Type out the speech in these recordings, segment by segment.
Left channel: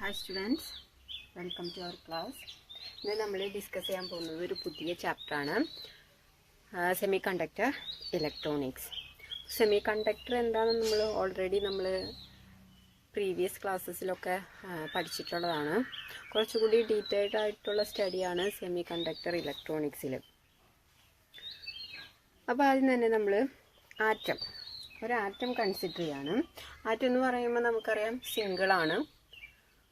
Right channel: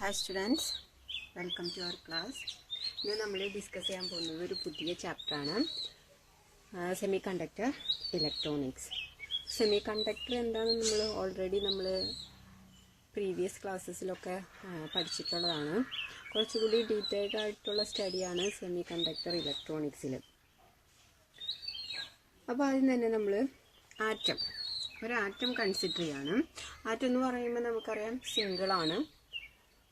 Hi students, welcome to our class. ഇന്ന് നമ്മൾ discuss ചെയ്യാൻ പോകുന്നത് ഒരു പുതിയ ചാപ്റ്ററാണ്, semiconductor electronics. Semiconductor എന്താണെന്ന് നമ്മൾ പ്രീവിയസ് ക്ലാസ്സസിലൊക്കെ പഠിച്ചിട്ടുള്ളതാണ്. കുറച്ചുകൂടി ഡീറ്റെയിൽഡ് ആയിട്ടുള്ള സ്റ്റഡിയാണ് സെമി കണ്ടക്ടർ ഇലക്ട്രോണിക്സിൽ. അപ്പോൾ അതിന് തന്നെ നമ്മൾ ഒരു ആറ്റം കൺസിഡർ ചെയ്യാണ്. ആറ്റം എന്ന് പറയുമ്പോൾ നമുക്കറിയാം സിംഗിളാണ്.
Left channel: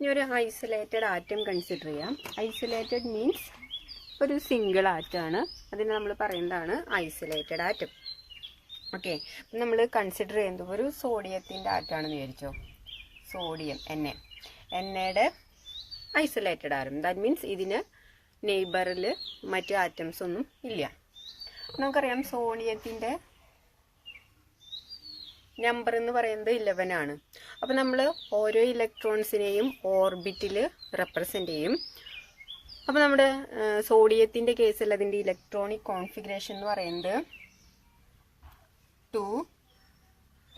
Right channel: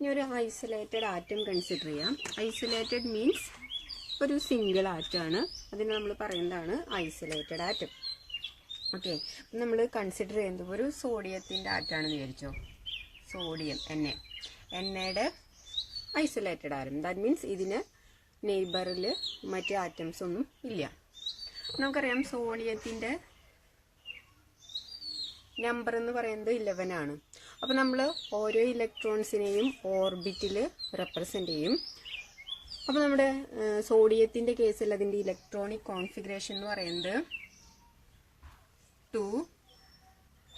ഇനി ഒരു ഐസൊലേറ്റഡ് ആറ്റം കൺസിഡർ ചെയ്യാം. ഐസൊലേറ്റഡ് മീൻസ് ഒരു സിംഗിൾ ആറ്റമാണ്, അതിന് നമ്മൾ പറയുന്നതാണ് ഐസൊലേറ്റഡ് ആറ്റം. ഓക്കെ, നമ്മൾ കൺസിഡർ ചെയ്യുന്നത് ഒരു സോഡിയത്തിൻ്റെ ആറ്റമാണെന്ന് വിചാരിച്ചോ. സോഡിയം എണ്ണയുടെ ഐസൊലേറ്റഡ് ആറ്റം. ദാറ്റ് മീൻസ് ഇതിന് നെയ്ബറിൽ മറ്റ് ആറ്റംസ് ഒന്നും ഇല്ല. നമുക്കറിയാം സോഡിയത്തിൻ്റെ നമ്പർ എന്ന് പറയുന്നത് 11 ആണ്. അപ്പോൾ നമ്മൾ ഓരോ ഇലക്ട്രോൺസിനെയും ഓർബിറ്റിൽ റെപ്രസെൻ്റ് ചെയ്യും. അപ്പോൾ നമ്മുടെ സോഡിയത്തിൻ്റെ കേസിൽ അതിൻ്റെ ഇലക്ട്രോണിക് കോൺഫിഗറേഷൻ എന്ന് പറയുന്നത് 2,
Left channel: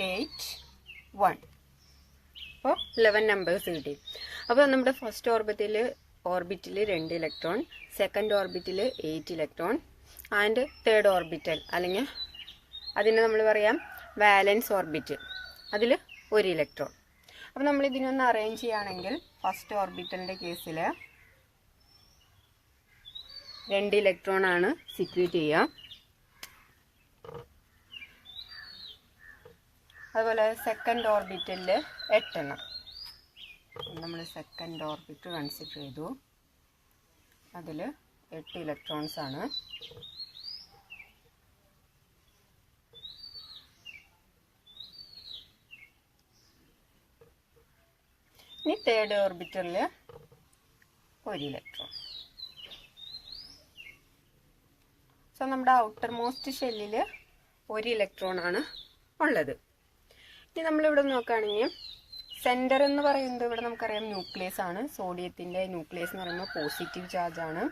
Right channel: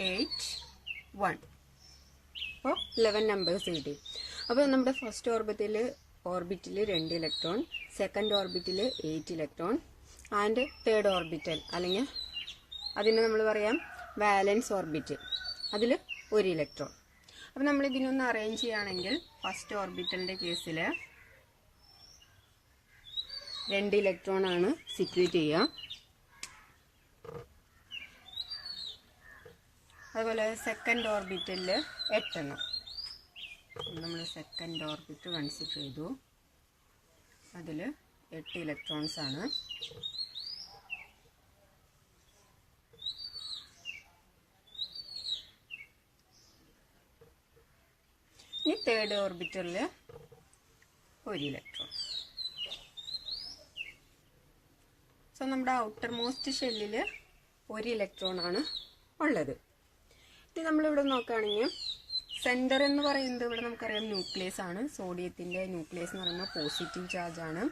8, 1. അപ്പോൾ 11 നമ്പേഴ്സ് കിട്ടി. അപ്പോൾ നമ്മുടെ ഫസ്റ്റ് ഓർബിറ്റിൽ 2 ഇലക്ട്രോൺ, സെക്കൻഡ് ഓർബിറ്റിൽ 8 ഇലക്ട്രോൺ ആൻഡ് തേർഡ് ഓർബിറ്റൽ അല്ലെങ്കിൽ അതിനെ നമ്മൾ പറയാം വാലൻസ് ഓർബിറ്റ്, അതിൽ 1 ഇലക്ട്രോൺ. അപ്പോൾ നമ്മൾ ഇതിനൊന്ന് അറേഞ്ച് ചെയ്യുകയാണെങ്കിൽ ഫസ്റ്റ് ഓർബിറ്റലിൻ്റെ കേസിൽ 2 ഇലക്ട്രോൺ ആണ് സിക്യൂറ്റ് ചെയ്യുക. അതുപോലെ സെക്കൻഡ് ഓർബിറ്റലിൽ 8 എണ്ണം. നമ്മൾ സെക്കൻഡ് ഓർബിറ്റ് കൺസിഡർ ചെയ്തു, അതിൽ 8 ഇലക്ട്രോൺസ് ആണ്. ഇനി തേർഡ് ഓർബിറ്റലിൽ 1 ഇലക്ട്രോൺ. സോ നമ്മുടെ ഔട്ടർ മോസ്റ്റ് ഷെല്ലിൽ 1 ഇലക്ട്രോൺ ആണ് ഉള്ളത്. ഇനി നമ്മളിവിടെ നോക്കുകയാണെങ്കിൽ സെൻറ്റർ എന്ന് പറയുന്നത് ഇവിടെ നമുക്കറിയാം ന്യൂക്ലിയസ് ആണ്. സോഡിയത്തിൻ്റെ ന്യൂക്ലിയസ് എന്ന് പറയുമ്പോൾ പോസിറ്റീവ് ചാർജ് ആണ്.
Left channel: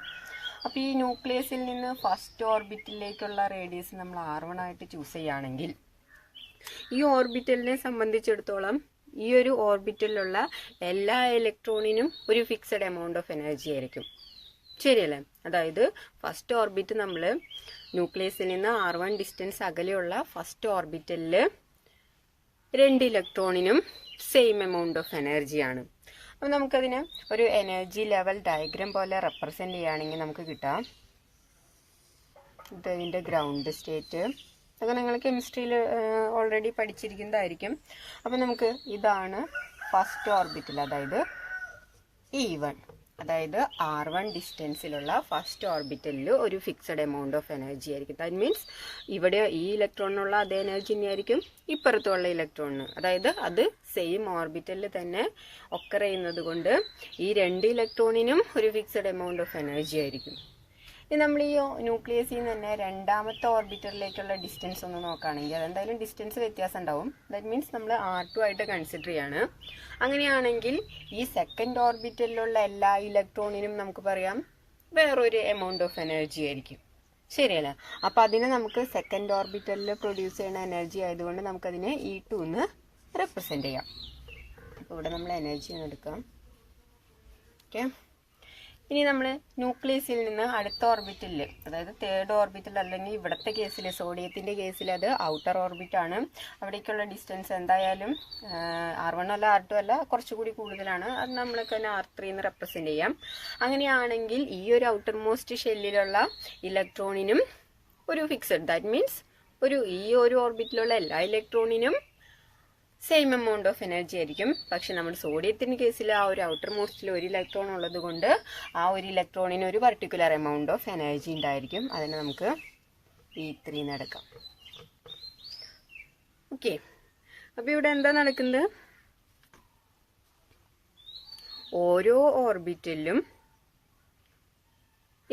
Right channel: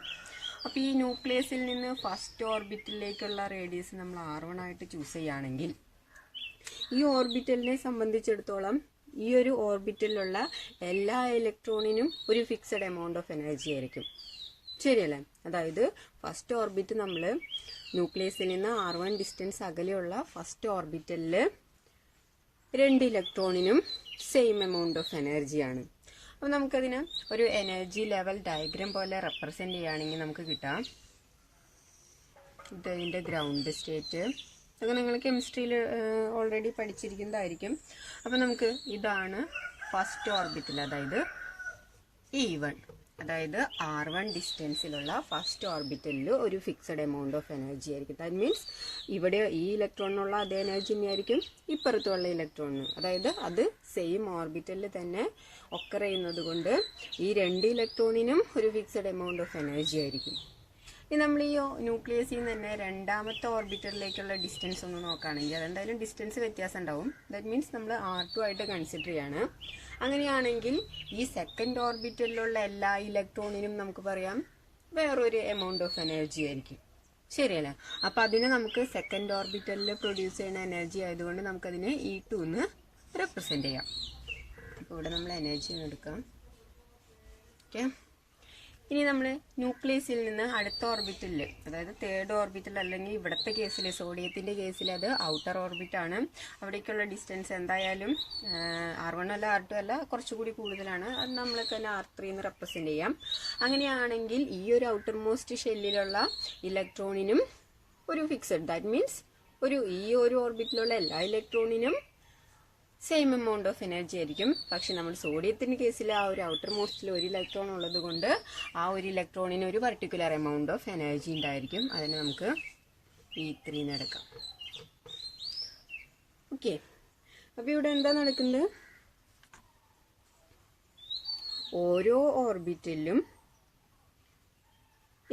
അപ്പോൾ ഈ ന്യൂക്ലിയസിൽ നിന്ന് ഫസ്റ്റ് ഓർബിറ്റലിലേക്കുള്ള റേഡിയസ് നമ്മൾ R1 ആയിട്ട് ചൂസ് ചെയ്യുകയാണെങ്കിൽ ഈ ഓർബിറ്റലിനെ സംബന്ധിച്ചിടത്തോളം ഈ ഒരു ഓർബിറ്റലിലുള്ള എല്ലാ ഇലക്ട്രോണിനും ഒരു ഫിക്സഡ് എമൗണ്ട് ഓഫ് എനർജി ആയിരിക്കും. ശരിയല്ലേ? അതായത് ഫസ്റ്റ് ഓർബിറ്റ് നമ്മൾ ന്യൂക്ലിയസിൽ നിന്ന് R1 ഡിസ്റ്റൻസ് അകലെയുള്ള ഫസ്റ്റ് ഓർബിറ്റലിൽ 2 ഇലക്ട്രോണിനും സെയിം എമൗണ്ട് ഓഫ് എനർജിയാണ്. അപ്പോൾ നമുക്കതിന് ഒരു എനർജി ലെവൽ ഡയഗ്രാം പോലെ റെപ്രസെൻ്റ് ചെയ്യുകയാണെങ്കിൽ നമുക്ക് കിട്ടാം ഇതിൻ്റെ ഗ്രൗണ്ട് സ്റ്റേറ്റ്. അത് നിങ്ങൾ കെമിസ്ട്രിയിൽ ഓൾറെഡി പഠിച്ചിരിക്കുന്നതായിരിക്കും. അപ്പോൾ നമുക്ക് ഇതാണ് ഫസ്റ്റ് ഓർബിറ്റൽ, അതായത് E1, അതായത് R1 ഡിസ്റ്റൻസിലുള്ള ഫസ്റ്റ് ഓർബിറ്റലിൽ ഒരു ഫിക്സഡ് എമൗണ്ട് ഓഫ് എനർജി ആയിരിക്കും. ദാറ്റ് മീൻസ് ഇവിടെ ഈ ഇലക്ട്രോണിനുള്ള അതേ എനർജി തന്നെയായിരിക്കും ഇപ്പുറത്തുള്ള ഇലക്ട്രോണിന്. അതായത് അത് സെയിം ഓർബിറ്റലിൽ തന്നെ ഒക്കർ ചെയ്യുന്നത് കൊണ്ട് ഈ 2 ഇലക്ട്രോണിനും ഒരു ഫിക്സഡ് എമൗണ്ട് ഓഫ് എനർജി ആയിരിക്കും. ഇനി നമ്മൾ ഈ ന്യൂക്ലിയസിൽ നിന്ന് തന്നെ രണ്ടാമത്തെ ഓർബിറ്റലിലേക്കുള്ള ഡിസ്റ്റൻസ് ഒന്ന് നോക്കുകയാണെങ്കിൽ അതെന്തായാലും ഡിസ്റ്റൻസ് വ്യത്യാസം ഉണ്ടാവും. ദാറ്റ് മീൻസ് നമ്മൾ R2 ആയിട്ട് കൺസിഡർ ചെയ്യാണ്. അങ്ങനെയാണെങ്കിൽ ഈ സെക്കൻഡ് ഓർബിറ്റലിലുള്ള എല്ലാ ഇലക്ട്രോണിനും നമുക്ക് പറയാം വേറൊരു എമൗണ്ട് ഓഫ് എനർജി ആയിരിക്കും. ശരിയല്ലേ? അപ്പോൾ അതിന് നമുക്ക് സെക്കൻഡ് ഓർബിറ്റലിൽ പ്രൊഡ്യൂസ് ചെയ്യുന്ന എനർജി ആയതുകൊണ്ട് നമുക്കതിനെ E2 എന്ന് റെപ്രസെൻ്റ് ചെയ്യാം. അപ്പോൾ ഇവിടെ നമ്മൾ എനർജി എടുക്കാം. ഓക്കെ, ഇനി നമ്മൾ ന്യൂക്ലിയസിൽ നിന്ന് അടുത്ത ഓർബിറ്റലിൽ, അതായത് തേർഡ് ഓർബിറ്റൽ അല്ലെങ്കിൽ ഇവിടുത്തെ കേസിൽ സോഡിയത്തിൻ്റെ കേസിൽ അത് ഔട്ടർ ഓർബിറ്റാണ്. അവിടേക്കുള്ള ഡിസ്റ്റൻസ് എന്തായാലും R1 അല്ല R2 അല്ല, കുറച്ചുകൂടി കൂടുതലാണ്. അത് നമ്മൾക്ക് തന്നെ R3 എന്ന് റെപ്രസെൻ്റ് ചെയ്യാം. അങ്ങനെയാണെങ്കിൽ ഈ ഒരു ഔട്ടർ മോസ്റ്റ് ഷെല്ലിലുള്ള ഇലക്ട്രോണിനും ഒരു ഫിക്സഡ്, ദാറ്റ് മീൻസ് ഈ ഒരു ഓർബിറ്റിലുള്ള എല്ലാ ഇലക്ട്രോണിനും സെയിം എമൗണ്ട് ഓഫ് എനർജി ആയിരിക്കും. പക്ഷെ നമ്മൾ സോഡിയത്തിൻ്റെ കേസിൽ ആ ഒരു ഔട്ടർ മോസ്റ്റിൽ 1 ഇലക്ട്രോൺ ഉള്ളത് കൊണ്ട് ആ ഒരു ഇലക്ട്രോണിന് ഒരു പർട്ടിക്കുലർ എമൗണ്ട് ഓഫ് എനർജി ഉണ്ടായിരിക്കും. അതിനെ നമുക്ക് E3 എന്ന് എടുക്കാം. ഓക്കെ, അപ്പോൾ ഇവിടെ എന്താ നടക്കുന്നത്? ഓരോ ഓർബിറ്റലിലും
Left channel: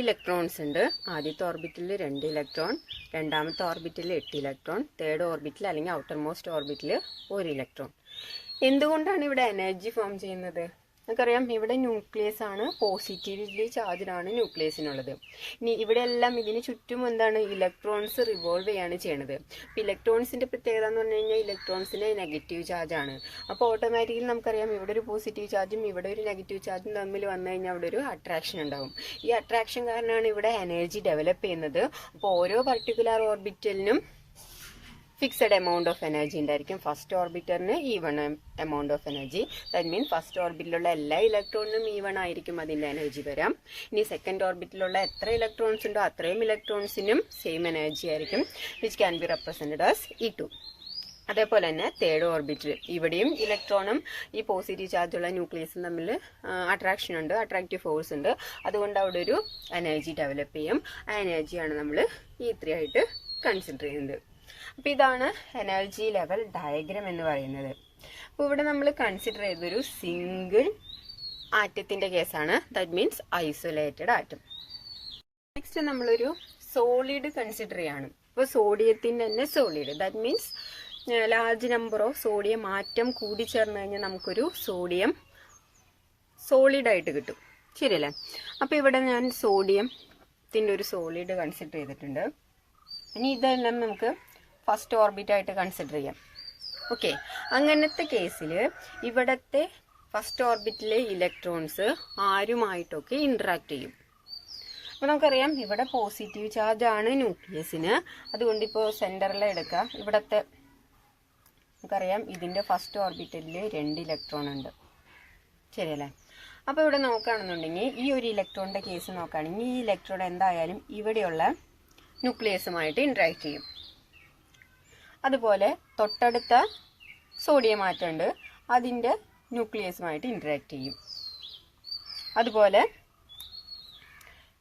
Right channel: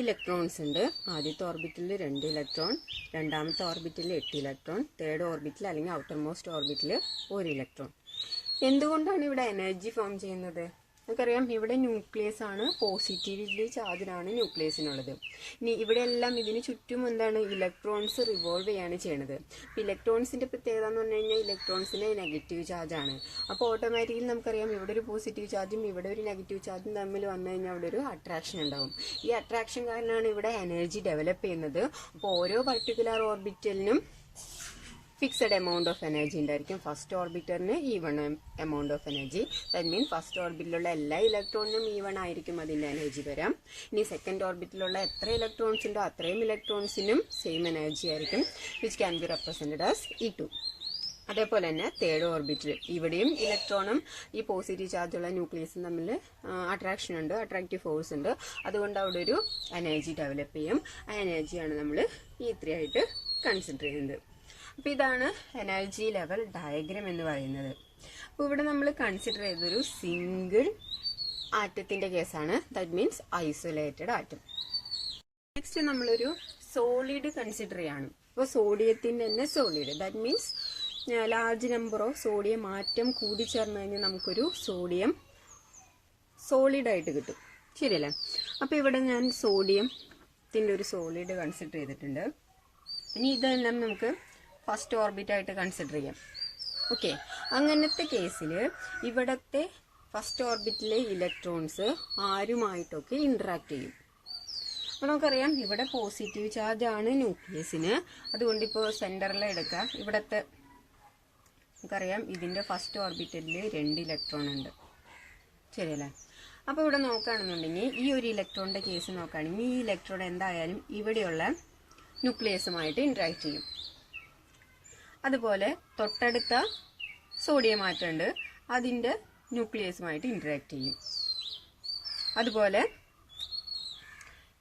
ഇലക്ട്രോൺസ് ഉണ്ട്. ആദ്യത്തെ ഓർബിറ്റിൽ 2 ഇലക്ട്രോൺ, രണ്ടാമത്തെ ഓർബിറ്റിൽ 8 ഇലക്ട്രോൺ, തേർഡ് ഓർബിറ്റിൽ അല്ലെങ്കിൽ ഔട്ടർ മോസ്റ്റ് ഓർബിറ്റിൽ 1 ഇലക്ട്രോൺ. എന്തുകൊണ്ടാണ് ഇവിടെ എനർജി ഫോം ചെയ്യുന്നത്? നമുക്കറിയാം ഇവിടെ ന്യൂക്ലിയസ് ആണ്, പോസിറ്റീവ്ലി ചാർജ്ഡാണ് ന്യൂക്ലിയസിനുള്ളത്. ഇനി ഇവിടെ എല്ലാം ഇതിന് ചുറ്റും എന്താണ്, ഇലക്ട്രോൺസ് റിവോൾവ് ചെയ്യാണ് ചെയ്യണത്. അപ്പം ഇലക്ട്രോൺസിന്റെ പ്രത്യേകത എന്ന് പറഞ്ഞു കഴിഞ്ഞാൽ ഇലക്ട്രോൺസിന് നെഗറ്റീവ് ചാർജ് ആണ്. അപ്പോൾ ഓട്ടോമാറ്റിക്കലി നമുക്കറിയാം ഇവിടെ ഒരു പോസിറ്റീവ് ചാർജും ഇവിടെ ഒരു നെഗറ്റീവ് ചാർജും തമ്മിൽ വന്നു കഴിഞ്ഞാൽ അവിടെ ഒരു അട്രാക്ഷൻ ഉണ്ടാവും. ഈ അട്രാക്ഷൻ കാരണമാണ് ഇവിടെ എനർജി ഡെവലപ്പ് ചെയ്യുന്നത്. അപ്പോൾ ഓരോ പർട്ടിക്കുലർ ഓർബിറ്റലിനും ഫിക്സഡ് എമൗണ്ട് ഓഫ് എനർജി ഉണ്ടായിരിക്കും. ഫസ്റ്റ് ഓർബിറ്ററിന് even amount of energy. That means first ഓർബിറ്റിലുള്ള എല്ലാ ഇലക്ട്രോണിനും ഈവൺ ആയിരിക്കും അതിൻ്റെ എനർജി വരാം. ഇനി സെക്കൻഡ് ഓർബിറ്റിലുള്ള എത്ര ഇലക്ട്രോൺസ് ഉണ്ടോ അത്രയും ഇലക്ട്രോൺസിനും സെയിം എനർജി ആയിരിക്കും, which can be represented as E2. അതേപോലെ തന്നെ തേർഡ് ഓർബിറ്റിൽ ഇവിടെയും ഇലക്ട്രോണും ഈ പോസിറ്റീവ് ചാർജുള്ള ന്യൂക്ലിയസും തമ്മിൽ അട്രാക്ഷൻ ഉണ്ട്, അട്രാക്റ്റീവ് ഫോഴ്സ് ഉണ്ട്. അതുകൊണ്ട് അവിടെ ഒരു എനർജി ഡെവലപ്പ് ചെയ്യും. ആ എനർജിയാണ് നമ്മൾ E3 ആയിട്ട് കൺസിഡർ ചെയ്യുന്നത്. അപ്പോൾ ഇതാണ് എനർജി ലെവൽ ഡയഗ്രം എന്ന് പറയുന്നത്. അപ്പോൾ ഇവിടെ നമ്മൾ കൺസിഡർ ചെയ്തൊരു സിംഗിൾ ആറ്റത്തിന്റെ കേസാണ്, that means isolated atom. Next നമ്മളൊരു സോളിഡ് കൺസിഡർ ചെയ്യാണ്. അപ്പോൾ സോഡിയത്തിന്റെ തന്നെ solid, that means large number of sodium atom കൂടി ചേർന്ന് കഴിഞ്ഞാൽ നമുക്കൊരു സോഡിയം സോളിഡ് ആയിട്ട് കിട്ടും, ശരിയല്ലേ? അപ്പോൾ ഇവിടെ ഞാൻ സോഡിയത്തിന്റെ ഒരു സോളിഡ് കൺസിഡർ ചെയ്തിട്ടുണ്ട്. ഇനി ഇതെല്ലാം നമുക്ക് ഫസ്റ്റ് ഓർബിറ്റ് ആയിട്ട് കൺസിഡർ ചെയ്യാം. ഓക്കെ, അങ്ങനത്തെ കേസിൽ ഇവിടത്തെ ഫസ്റ്റ് ഓർബിറ്റിലെ ഇലക്ട്രോൺസ് ആരുമായിട്ടൊക്കെ ഇന്ററാക്ട് ചെയ്യും. അപ്പോൾ നമുക്കറിയാം ഇവിടെ പോസിറ്റീവ് ചാർജ് ആണ് ന്യൂക്ലിയസിന്. അതുകൊണ്ട് ഇപ്പോൾ സെന്ററിൽ എടുക്കാം. ഇവിടത്തെ നമുക്കറിയാം ഇതിന്റെ ഫസ്റ്റ് ഓർബിറ്റലിൽ 2 ഇലക്ട്രോൺ ഉണ്ട്, ശരിയല്ലേ? അപ്പോൾ ഇവിടെ നോക്കുകയാണെന്നുണ്ടെങ്കിൽ ഈ ഒരു ഇലക്ട്രോണിന്റെ കേസ് നോക്കുകയാണെങ്കിൽ ഈ ഇലക്ട്രോൺ എന്തായാലും ഇവിടെയുള്ള ന്യൂക്ലിയസുമായിട്ട് ഇന്ററാക്ട് ചെയ്യും. അതുപോലെ തൊട്ടടുത്ത സോഡിയം ആറ്റം ഉണ്ട്, അതിൻ്റെ ന്യൂക്ലിയസുമായിട്ട് ഇന്ററാക്ട് ചെയ്യും. അതുപോലെ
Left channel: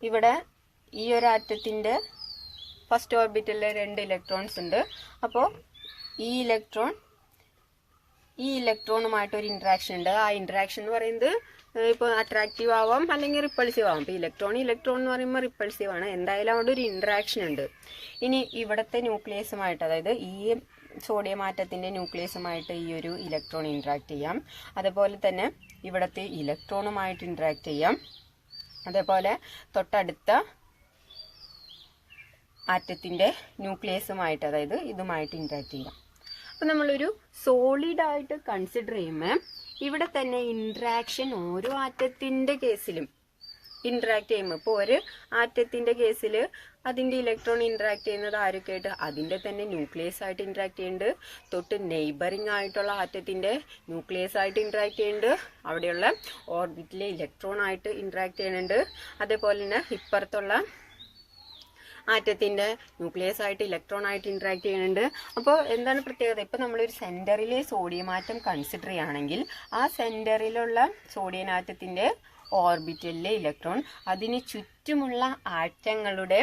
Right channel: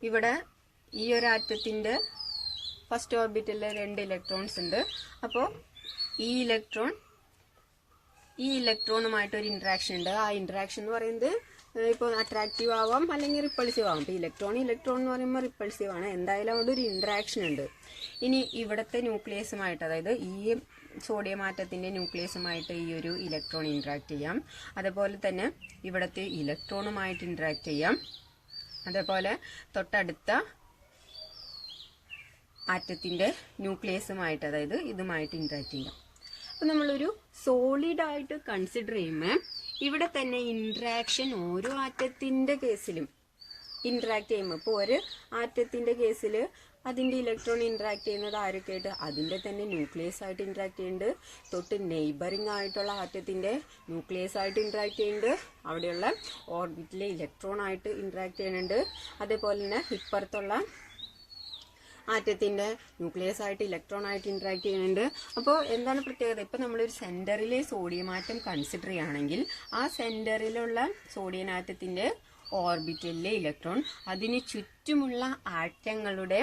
ഇവിടെ ഈ ഒരു ആറ്റത്തിൻ്റെ ഫസ്റ്റ് ഓർബിറ്റലിൽ 2 ഇലക്ട്രോൺസ് ഉണ്ട്. അപ്പോൾ ഈ ഇലക്ട്രോണുമായിട്ട് ഒരു ഇന്ററാക്ഷൻ ഉണ്ട്. ആ ഇന്ററാക്ഷൻ എന്ന് പറയുന്നത് ഇപ്പോൾ അട്രാക്റ്റീവ് ആവാം അല്ലെങ്കിൽ റിപ്പൾസീവ് ആവാം. ഇപ്പോൾ ഇലക്ട്രോൺ എന്ന് പറയുമ്പോൾ റിപ്പൾസീവ് ആണ്. എന്തായാലും അവിടെ ഒരു ഇന്ററാക്ഷൻ ഉണ്ട്. ഇനി ഇവിടുത്തെ ന്യൂക്ലിയസുമായിട്ട്, അതായത് ഈ സോഡിയം ആറ്റത്തിന്റെ ന്യൂക്ലിയസുമായിട്ട് ഈ ഒരു ഇലക്ട്രോൺ ഇന്ററാക്ട് ചെയ്യാം. അതുപോലെ തന്നെ ഇവിടുത്തെ ഇലക്ട്രോണുമായിട്ട് ഇന്ററാക്ട് ചെയ്യാം. അതേപോലെ തൊട്ടടുത്ത ആറ്റത്തിന്റെ ന്യൂക്ലിയസുമായിട്ട്, അതായത് ഇതുമായിട്ട് ഇന്ററാക്ട് ചെയ്യാം. അപ്പം നമ്മളൊരു സോളിഡ് ആയിട്ട് കൺസിഡർ ചെയ്യുമ്പോൾ ഇവിടെ തന്നെ ഇന്ററാക്ഷൻ ഓരോ ആറ്റത്തിന്റെ കേസിലും ഇന്ററാക്ട് ചെയ്യുമ്പോൾ, ഇപ്പോൾ ഒരു ആറ്റത്തിന്റെ കേസിൽ അതിന്റെ ഇലക്ട്രോൺ ഇന്ററാക്ട് ചെയ്യുന്നത് ആരൊക്കെ ആയിട്ട്, അതിന്റെ തന്നെ ന്യൂക്ലിയസ് ആയിട്ട് ഇന്ററാക്ട് ചെയ്യുന്നുണ്ട്. തൊട്ട് നെയ്ബറിംഗ് ആയിട്ടുള്ള ആറ്റത്തിന്റെ ന്യൂക്ലിയസ് ആയിട്ട് ഇന്ററാക്ട് ചെയ്യുന്നുണ്ട്. അവിടെയുള്ള ഓർബിറ്റിലെ ഇലക്ട്രോൺ ആയിട്ട് ഇന്ററാക്ട് ചെയ്യുന്നുണ്ട്. അതേപോലെ തന്നെ ഇപ്പുറത്തുള്ള ആറ്റത്തിന്റെ ന്യൂക്ലിയസ് ആയിട്ട് ഇലക്ട്രോൺ ആയിട്ട് ഇന്ററാക്ട് ചെയ്യുന്നുണ്ട്. അപ്പോൾ എന്താണ് പ്രത്യേകത? ഇപ്പൊ നമ്മളൊരു സെന്ററിലെ സോഡിയം ആറ്റം കൺസിഡർ ചെയ്യുകയാണെങ്കിൽ ആ സെന്ററിലുള്ള സോഡിയം ആറ്റത്തിന്റെ ഓർബിറ്റലിലെ ഇലക്ട്രോൺ അതിന് ചുറ്റുമുള്ള ആറ്റങ്ങളുടെ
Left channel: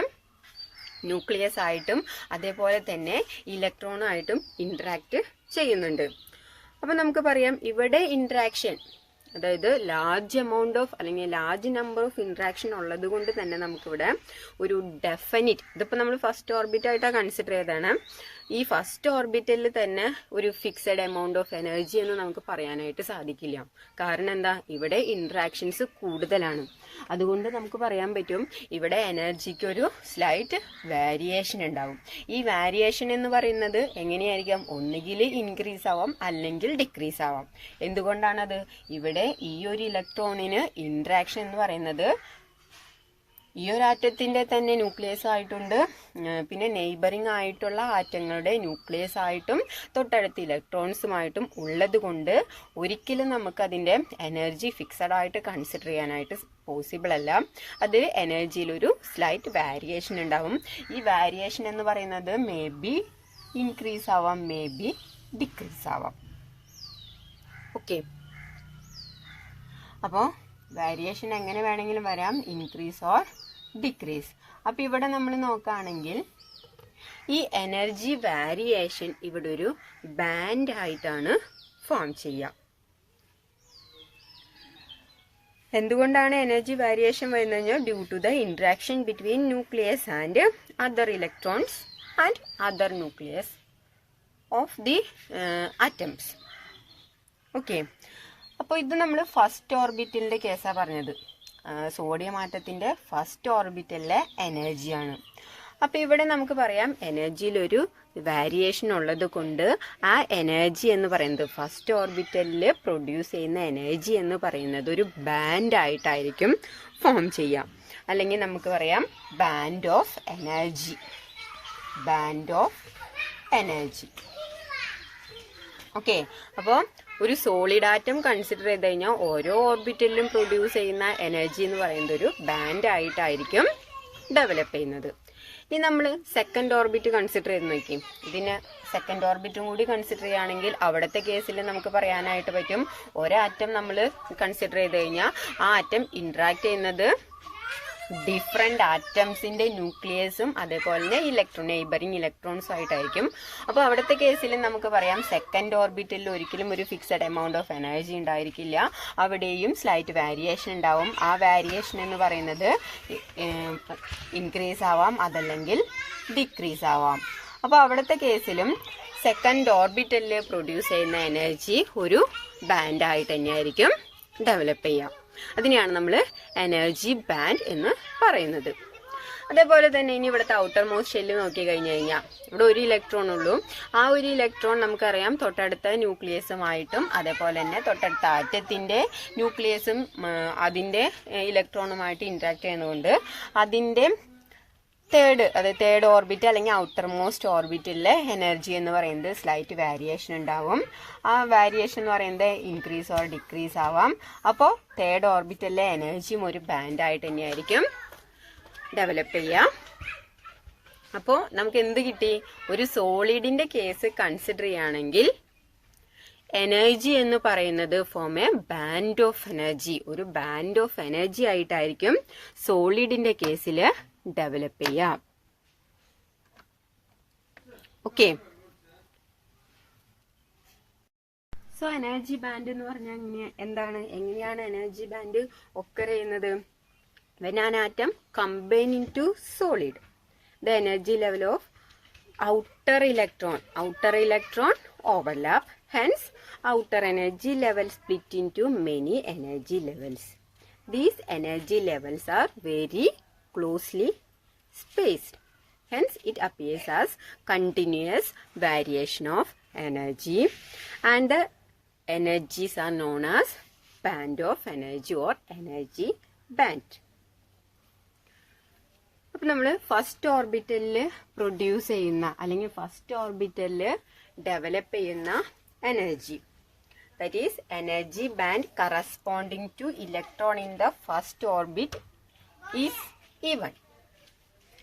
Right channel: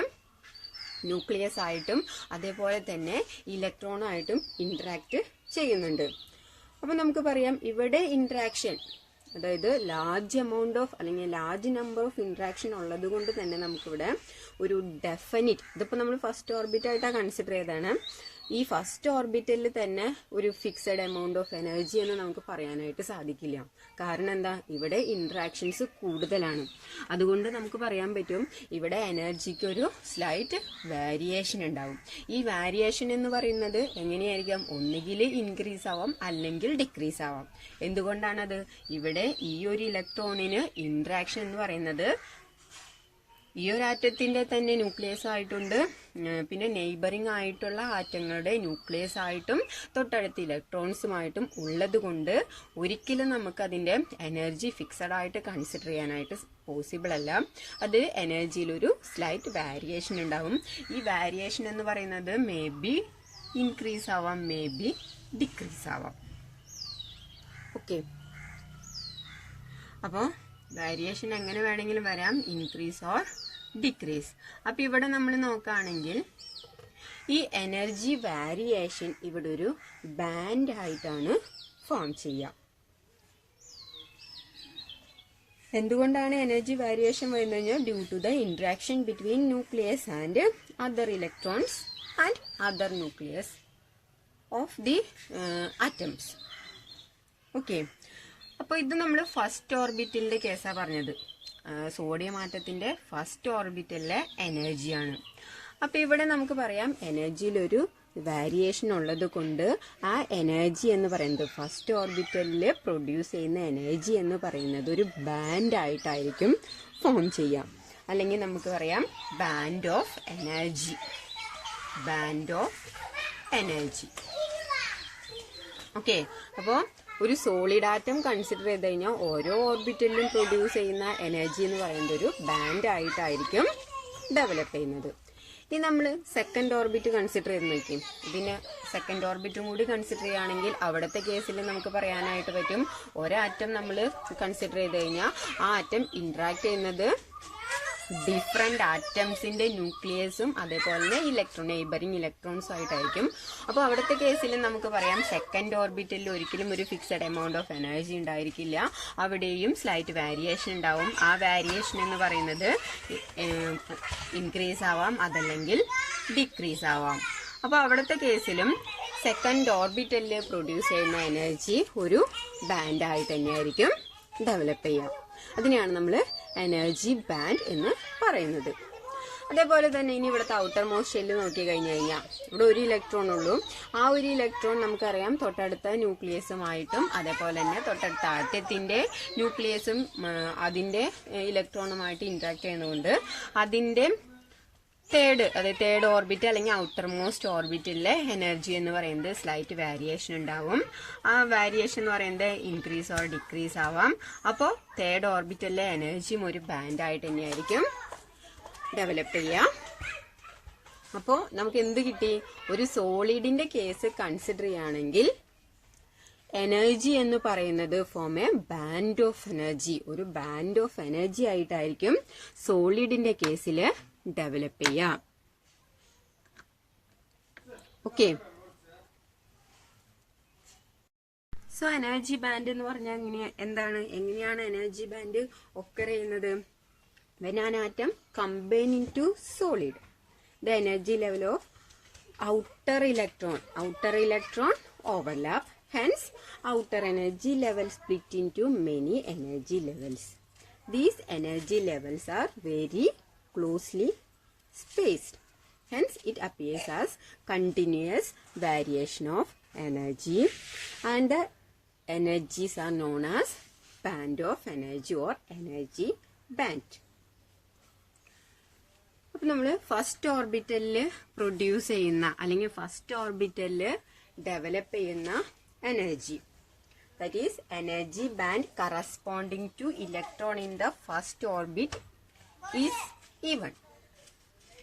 ന്യൂക്ലിയസ് ആയിട്ടും അതേപോലെ തന്നെ ഇലക്ട്രോണായിട്ടും ഇന്ററാക്ട് ചെയ്യുന്നുണ്ട്. അപ്പൊ നമുക്ക് പറയാം ഇവിടെ ഇന്ററാക്ഷൻ, അതായത് ലാർജ് എമൗണ്ട് ഓഫ് അല്ലെങ്കിൽ ലാർജ് നമ്പർ ഓഫ് ഇന്ററാക്ഷൻ ഉള്ളത് കൊണ്ട് തന്നെ നമുക്കിവിടെ ഒരു ഡെഫിനിറ്റ്, ഇതിപ്പോൾ നമ്മൾ ഫസ്റ്റ് ഓർബിറ്റ് ആയിട്ടാണ് കൺസിഡർ ചെയ്തതാണ്, ഈ ഫസ്റ്റ് ഓർബിറ്റലിൽ തന്നെ ഒരു ഫിക്സഡ് എമൗണ്ട് ഓഫ് എനർജി എന്ന് നമുക്ക് പറയാനായിട്ട് സാധിക്കില്ല. കാരണം എന്താ, ഇവിടെ ഇന്ററാക്ഷൻസ് കൂടുതലാണ്. അതുകൊണ്ട് നമുക്ക് പറയാൻ പറ്റും ഇവിടെ എനർജിക്ക് ഒരു സ്ലൈറ്റ് വേരിയേഷൻ ഉണ്ടാവും. ഈ വേരിയേഷൻ എന്ന് പറയുന്നത് എങ്ങനെയായിരിക്കാം, ഒന്നുകിൽ ഇൻക്രീസ് ആവാം അല്ലെങ്കിൽ ഡിക്രീസ് ആവാം. എന്തുകൊണ്ടാണത്? ഇവിടെ ഈ ഒരു ഇലക്ട്രോണിന് ഇന്ററാക്ഷൻ എന്ന് പറയുന്നത് ഈ ഒരു ആറ്റത്തിന്റെ തന്നെ ന്യൂക്ലിയസ് ആയിട്ടുണ്ട്, പിന്നെ നെയ്ബറിംഗ് ആയിട്ടുള്ള ആറ്റങ്ങളുടെ ന്യൂക്ലിയസ് ആയിട്ടും തൊട്ടടുത്ത ഇലക്ട്രോൺസുമായിട്ടും ഉള്ളത് കൊണ്ട് ഒരിക്കലും നമുക്ക് അതിന്റെ എനർജി ഫിക്സഡ് ആയിട്ട് കൺസിഡർ ചെയ്യാനായിട്ട് പോസിബിൾ അല്ല. അത് എനർജിയിൽ ഒരു സ്ലൈറ്റ് വേരിയേഷൻ ഉണ്ടാവും. ഈ വേരിയേഷൻ എന്ന് പറയുന്നത് മേ ബി ഇൻക്രീസ് ആവാം, മേ ബി ഡിക്രീസ് ആവാം. ഓക്കെ, അപ്പോൾ വേരിയേഷൻ എങ്ങനെ വേണമെങ്കിലും വരാം, ഇൻക്രീസ് ഓർ ഡിക്രീസ്. അപ്പം ഇവിടെ നമ്മൾ നോക്കുകയാണെങ്കിൽ ഈ എനർജി വേരിയേഷൻ ഇവിടെ ഒരു ബാൻഡ് ആയിട്ടാണ് ഫോം ചെയ്യുക. എന്തുകൊണ്ടാണ് എനർജി വേരിയേഷൻ വരുന്നത് കഴിഞ്ഞാൽ due to the interaction between nucleus and other electrons and other nucleus of the atoms. Okay, അപ്പോൾ ഇത് നമ്മൾ ഫസ്റ്റ് ഓർബിറ്റലിന്റെ കേസാണ് പറഞ്ഞത്. സോഡിയം ആറ്റത്തിന്റെ ഫസ്റ്റ് ഓർബിറ്റലിലെ എനർജിയാണ്. അപ്പൊ ഇവിടെ നമുക്ക് പറയാം എനർജിയിലൊരു വേരിയേഷൻ ഉള്ളത് കൊണ്ട് ആ എനർജി എന്ന് പറയുന്നത് ഫസ്റ്റ് ഓർബിറ്റലിൽ പ്രൊഡ്യൂസ് ചെയ്യുന്ന എനർജി എന്ന് പറയുന്നത് ഒരു ബാൻഡ് ആയിട്ടായിരിക്കും ഫോം ചെയ്യാം. അല്ലെങ്കിൽ നമുക്ക് പറയാം band of energy. Band of energy. Okay, അപ്പോൾ ഒരു സോളിഡ് ആറ്റം കൺസിഡർ ചെയ്ത് കഴിഞ്ഞാൽ ഓരോ ഓർബിറ്റലിലും പ്രൊഡ്യൂസ് ചെയ്യുന്ന എനർജി എന്ന് പറയുന്നത് ഒരു ബാൻഡ് ആയിട്ടായിരിക്കും ഡെവലപ്പ് ചെയ്യുന്നത്. ഇനി നമ്മൾ സെക്കൻഡ് ഓർബിറ്റ് കൺസിഡർ ചെയ്ത് നോക്കി. ഇതിന് സെക്കൻഡ് ഓർബിറ്റും കൂടി കൺസിഡർ ചെയ്യുകയാണെങ്കിൽ അവിടുത്തെ കേസിൽ നമുക്ക് പറയാനായിട്ട് പറ്റും ഒരാറ്റം നമ്മൾ കൺസിഡർ ചെയ്ത് കഴിഞ്ഞാൽ ആ ആറ്റം ഇന്ററാക്ട് ചെയ്യുന്നത് ഡിഫറെന്റ് ആറ്റംസിന്റെ ന്യൂക്ലിയസും അതേപോലെ തന്നെ നെയ്ബറിങ് ഇലക്ട്രോൺസും ആയിട്ടായിരിക്കും. അപ്പോൾ അവിടുത്തെ കേസിൽ നമുക്ക് പറയാം സെക്കൻഡ് ഓർബിറ്റലിൽ ഒരിക്കലും ഒരു ഫിക്സഡ് എമൗണ്ട് ഓഫ് എനർജി ഉണ്ടായിരിക്കില്ല. അവിടെയും സ്ലൈറ്റ് വേരിയേഷൻ ഉണ്ടാവും. ആ വേരിയേഷൻ എന്ന് പറയുന്നത് ഇൻക്രീസ് ആവാം, അതല്ലെങ്കിൽ ഡിക്രീസ് ആവാം. അപ്പോൾ അവിടുത്തെ കേസിലും സെക്കൻഡ് ഓർബിറ്റലിൽ പ്രൊഡ്യൂസ് ചെയ്യുന്ന എനർജി ഒരു ബാൻഡ് ആയിട്ട് തന്നെയായിരിക്കും ഡെവലപ്പ് ചെയ്യാം. അതിനെയാണ് നമ്മൾ എനർജി ബാൻഡ് എന്ന് പറയുന്നത്. അതേപോലെ തന്നെ ഇനി ഇവിടുത്തെ ഔട്ടർ മോസ്റ്റ് ഷെല്ല് നോക്കി കഴിഞ്ഞു കഴിഞ്ഞാൽ ഇവിടെ ഒരു ഇലക്ട്രോൺ ഉള്ളൂ. ആ ഒരു ഇലക്ട്രോൺ നമുക്കറിയാം തൊട്ടടുത്ത ന്യൂക്ലിയസുമായിട്ടും അതേപോലെ തന്നെ തൊട്ടടുത്ത ആറ്റത്തിന്റെ ന്യൂക്ലിയസും അതിന്റെ ഇലക്ട്രോണുമായിട്ട് ഇന്ററാക്ട് ചെയ്യുന്നതുകൊണ്ട് അതിന്റെ തേർഡ് ഓർബിറ്റ് അല്ലെങ്കിൽ ഔട്ടർ മോസ്റ്റ് ഓർബിറ്റിലെ എനർജി എന്ന് പറയുന്നത് സ്ലൈറ്റ് വേരിയേഷൻ ഉണ്ടാവും. ആ വേരിയേഷൻ എന്ന് പറയുന്നത് ഇൻക്രീസ് ഓർ ഡിക്രീസ് ആവാം. അപ്പോൾ തേർഡ് ഓർബിറ്റിലെ എനർജിയും ഒരു ബാൻഡ് ആയിട്ട് തന്നെയായിരിക്കും ഡെവലപ്പ് ചെയ്യുക. അപ്പോൾ നമുക്ക് എന്ത് കിട്ടി? ഒരു സോളിഡിന്റെ കേസ് കൺസിഡർ ചെയ്യുകയാണെങ്കിൽ എനർജി എന്ന് പറയുന്നത് form A band of energy. ഒരു ബാൻഡ് ഓഫ് എനർജി ആയിട്ടായിരിക്കും സോളിഡിന്റെ കേസിൽ ഡെവലപ്പ് ചെയ്യാം. ഓക്കെ, സോ എനർജി ബാൻഡ് എന്ന് പറഞ്ഞാൽ എങ്ങനെയാണ് എനർജി ബാൻഡ് ഒക്കർ ചെയ്യുന്നത്? when an atom combine into solid, the energy level of outer electron overlap, hence outer energy level split into many energy levels. These energy levels are very closely spaced, hence it appears as continuous variation of energy, and the energies are known as band of energy or energy band. അപ്പോൾ നമ്മൾ first ഓർബിറ്റലിൽ produce ചെയ്യുന്ന അല്ലെങ്കിൽ first ഓർബിറ്റലിൽ develop ചെയ്യുന്ന energy, that is energy band corresponding to electron in the first orbit is E1.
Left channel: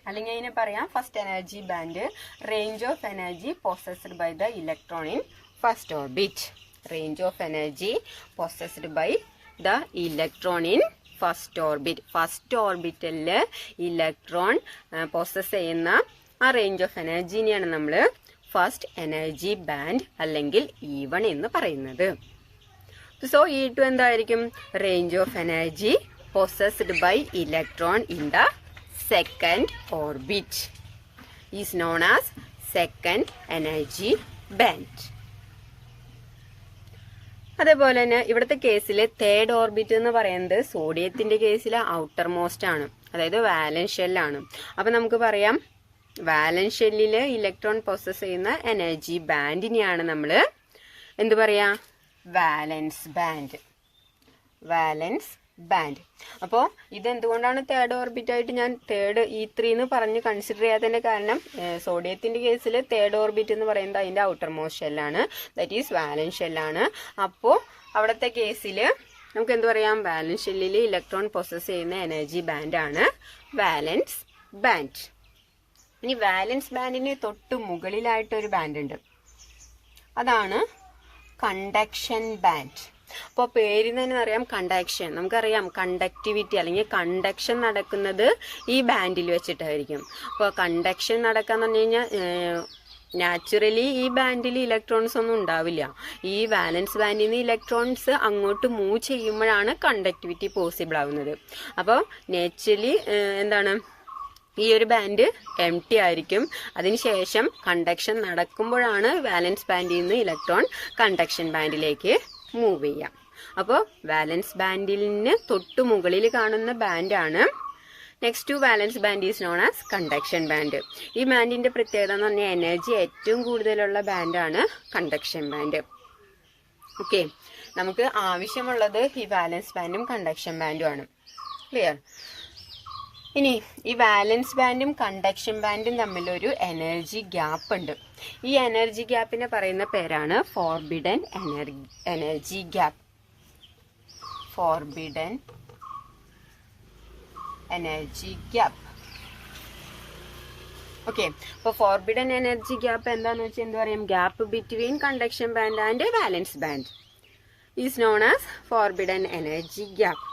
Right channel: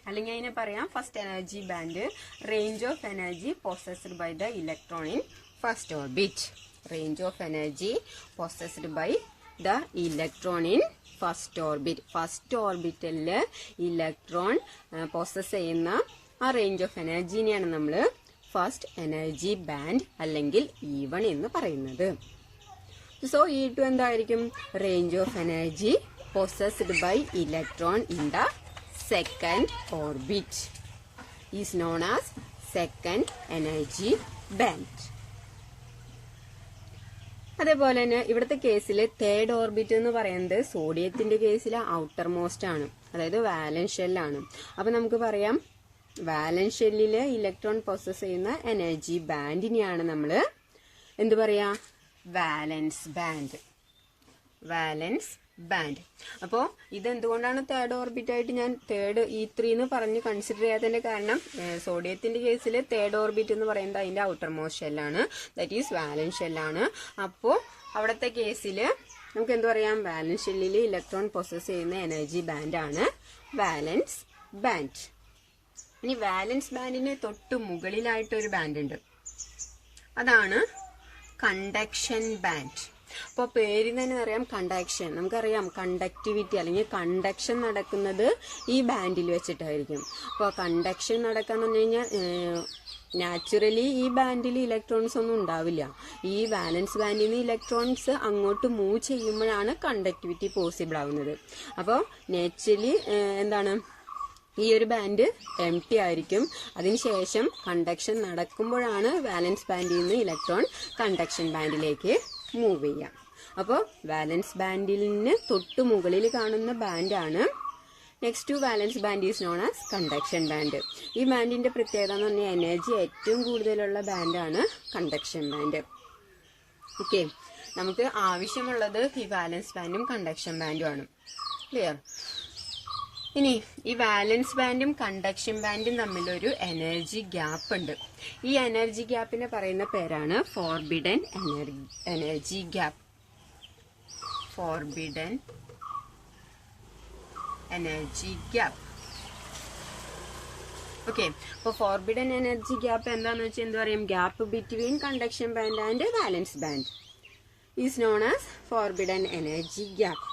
അല്ലെങ്കിൽ അതിന് പറയാം first energy band range of energy possessed by the electron in first orbit. Range of energy possessed by the electron in first orbit. First ഓർബിറ്റലിൽ electron possess ചെയ്യുന്ന ആ range of എനർജിനെയാണ് നമ്മൾ first energy band അല്ലെങ്കിൽ E1 എന്ന് പറയുന്നത്. So E2 എന്തായിരിക്കും? Range of energy possessed by electron in the second orbit is known as second energy band. അതേപോലെ തന്നെ ഇവിടുത്തെ കേസിൽ തേർഡ് ഓർബിറ്റ് എന്ന് പറയുന്നത് സോഡിയത്തിന്റെ കേസിൽ ഔട്ടർ മോസ്റ്റ് ആണ്, അതായത് വാലൻസ് ഷെല്ലാണ്. അപ്പൊ നമുക്ക് പറയാം വാലൻസ് ഷെല്ലില് ഇലക്ട്രോൺ പൊസസ് ചെയ്യുന്ന എനർജി ബാൻഡിനെയാണ് നമ്മൾ എന്ത് പറയാ? വാലൻസ് ബാൻഡ്. വാലൻസ് ബാൻഡ്. അപ്പോൾ ഇതെന്തുകൊണ്ടാണ് തേർഡ് ഓർബിറ്റ് ആയിട്ട് ഞാൻ തേർഡ് E3 എന്ന് പറഞ്ഞ് കൺസിഡർ ചെയ്യാത്തതിന്റെ കാരണം സോഡിയത്തിന്റെ കേസിൽ തേർഡ് ഓർബിറ്റ് എന്ന് പറയുന്നത് അതിന്റെ ഔട്ടർ മോസ്റ്റ് ഷെല്ലാണ്, ദാറ്റ് ഈസ് വാലൻസ് ഷെല്ലാണ്. അപ്പോൾ അവിടുത്തെ കേസിൽ നമുക്ക് എന്ത് പറയാം? വാലൻസ് ഷെല്ലിൽ ഇലക്ട്രോൺ പൊസസ് ചെയ്യുന്ന എനർജി ബാൻഡാണ് വാലൻസ് ബാൻഡ്. ഇനി വാലൻസ് ബാൻഡിന് തൊട്ട് മുകളിലായിട്ടൊരു ബാൻഡ് ഉണ്ട്, അതാണ് കണ്ടക്ഷൻ ബാൻഡ്. അപ്പോൾ പേരിൽ തന്നെ അറിയാം കണ്ടക്ഷൻ. നമുക്കറിയാം കണ്ടക്ടിവിറ്റി അല്ലെങ്കിൽ കണ്ടക്ഷൻ നടക്കുന്നത് ഈ ബാൻഡിൽ വെച്ചിട്ടായിരിക്കും. അപ്പോൾ കണ്ടക്ഷൻ നടക്കാന്ന് പറഞ്ഞു കഴിഞ്ഞാൽ നാച്ചുറലി ഈ ബാൻഡിൽ ഇലക്ട്രോൺസ് ഒന്നും ഉണ്ടാവില്ല. ഈ വാലൻസ് ബാൻഡിൽ നിന്ന് ഇലക്ട്രോൺസ് അങ്ങോട്ട് മൂവ് ചെയ്യുമ്പോഴാണ് കണ്ടക്ടിവിറ്റി പോസിബിൾ ആവുന്നത്. അപ്പോൾ നാച്ചുറലി എന്താണ്, ഈ ഒരു ബാൻഡ് എംപ്റ്റി ആയിരിക്കും. അതിനുശേഷം കണ്ടക്ഷൻ നടക്കുമ്പോഴാണ് വാലൻസ് ബാൻഡിൽ നിന്ന് ഇലക്ട്രോൺ കണ്ടക്ഷൻ ബാൻഡിലേക്ക് മൂവ് ചെയ്യാം. അപ്പോൾ വാലൻസ് ബാൻഡിന് തൊട്ടു മുകളിൽ കാണുന്ന ബാൻഡാണ്. Next to valence band is known as conduction band. ഈ ബാൻഡിന്റെ പ്രത്യേകത എന്ന് പറഞ്ഞാൽ എനർജി ഏറ്റവും കൂടുതലുള്ള ബാൻഡാണ് കണ്ടക്ഷൻ ബാൻഡ്. ഓക്കെ, നമുക്ക് ആവശ്യമുള്ളത് ഈ വാലൻസ് ബാൻഡും കണ്ടക്ഷൻ ബാൻഡും ആണ്. ക്ലിയർ? ഇനി ഈ വാലൻസ് ബാൻഡും കണ്ടക്ഷൻ ബാൻഡും തമ്മിലൊരു എനർജി ഗ്യാപ്പ് ഉണ്ട്. ഈ എനർജി ഗ്യാപ്പിനെ പറയുന്ന പേരാണ് forbidden energy gap. Forbidden energy gap. Okay, അപ്പോൾ ഫോർബിഡൻ എനർജി ഗ്യാപ്പ് എന്താന്ന് വെച്ചാൽ എന്താ പറയും? Gap between conduction band and വാലൻസ് band is known as forbidden energy gap.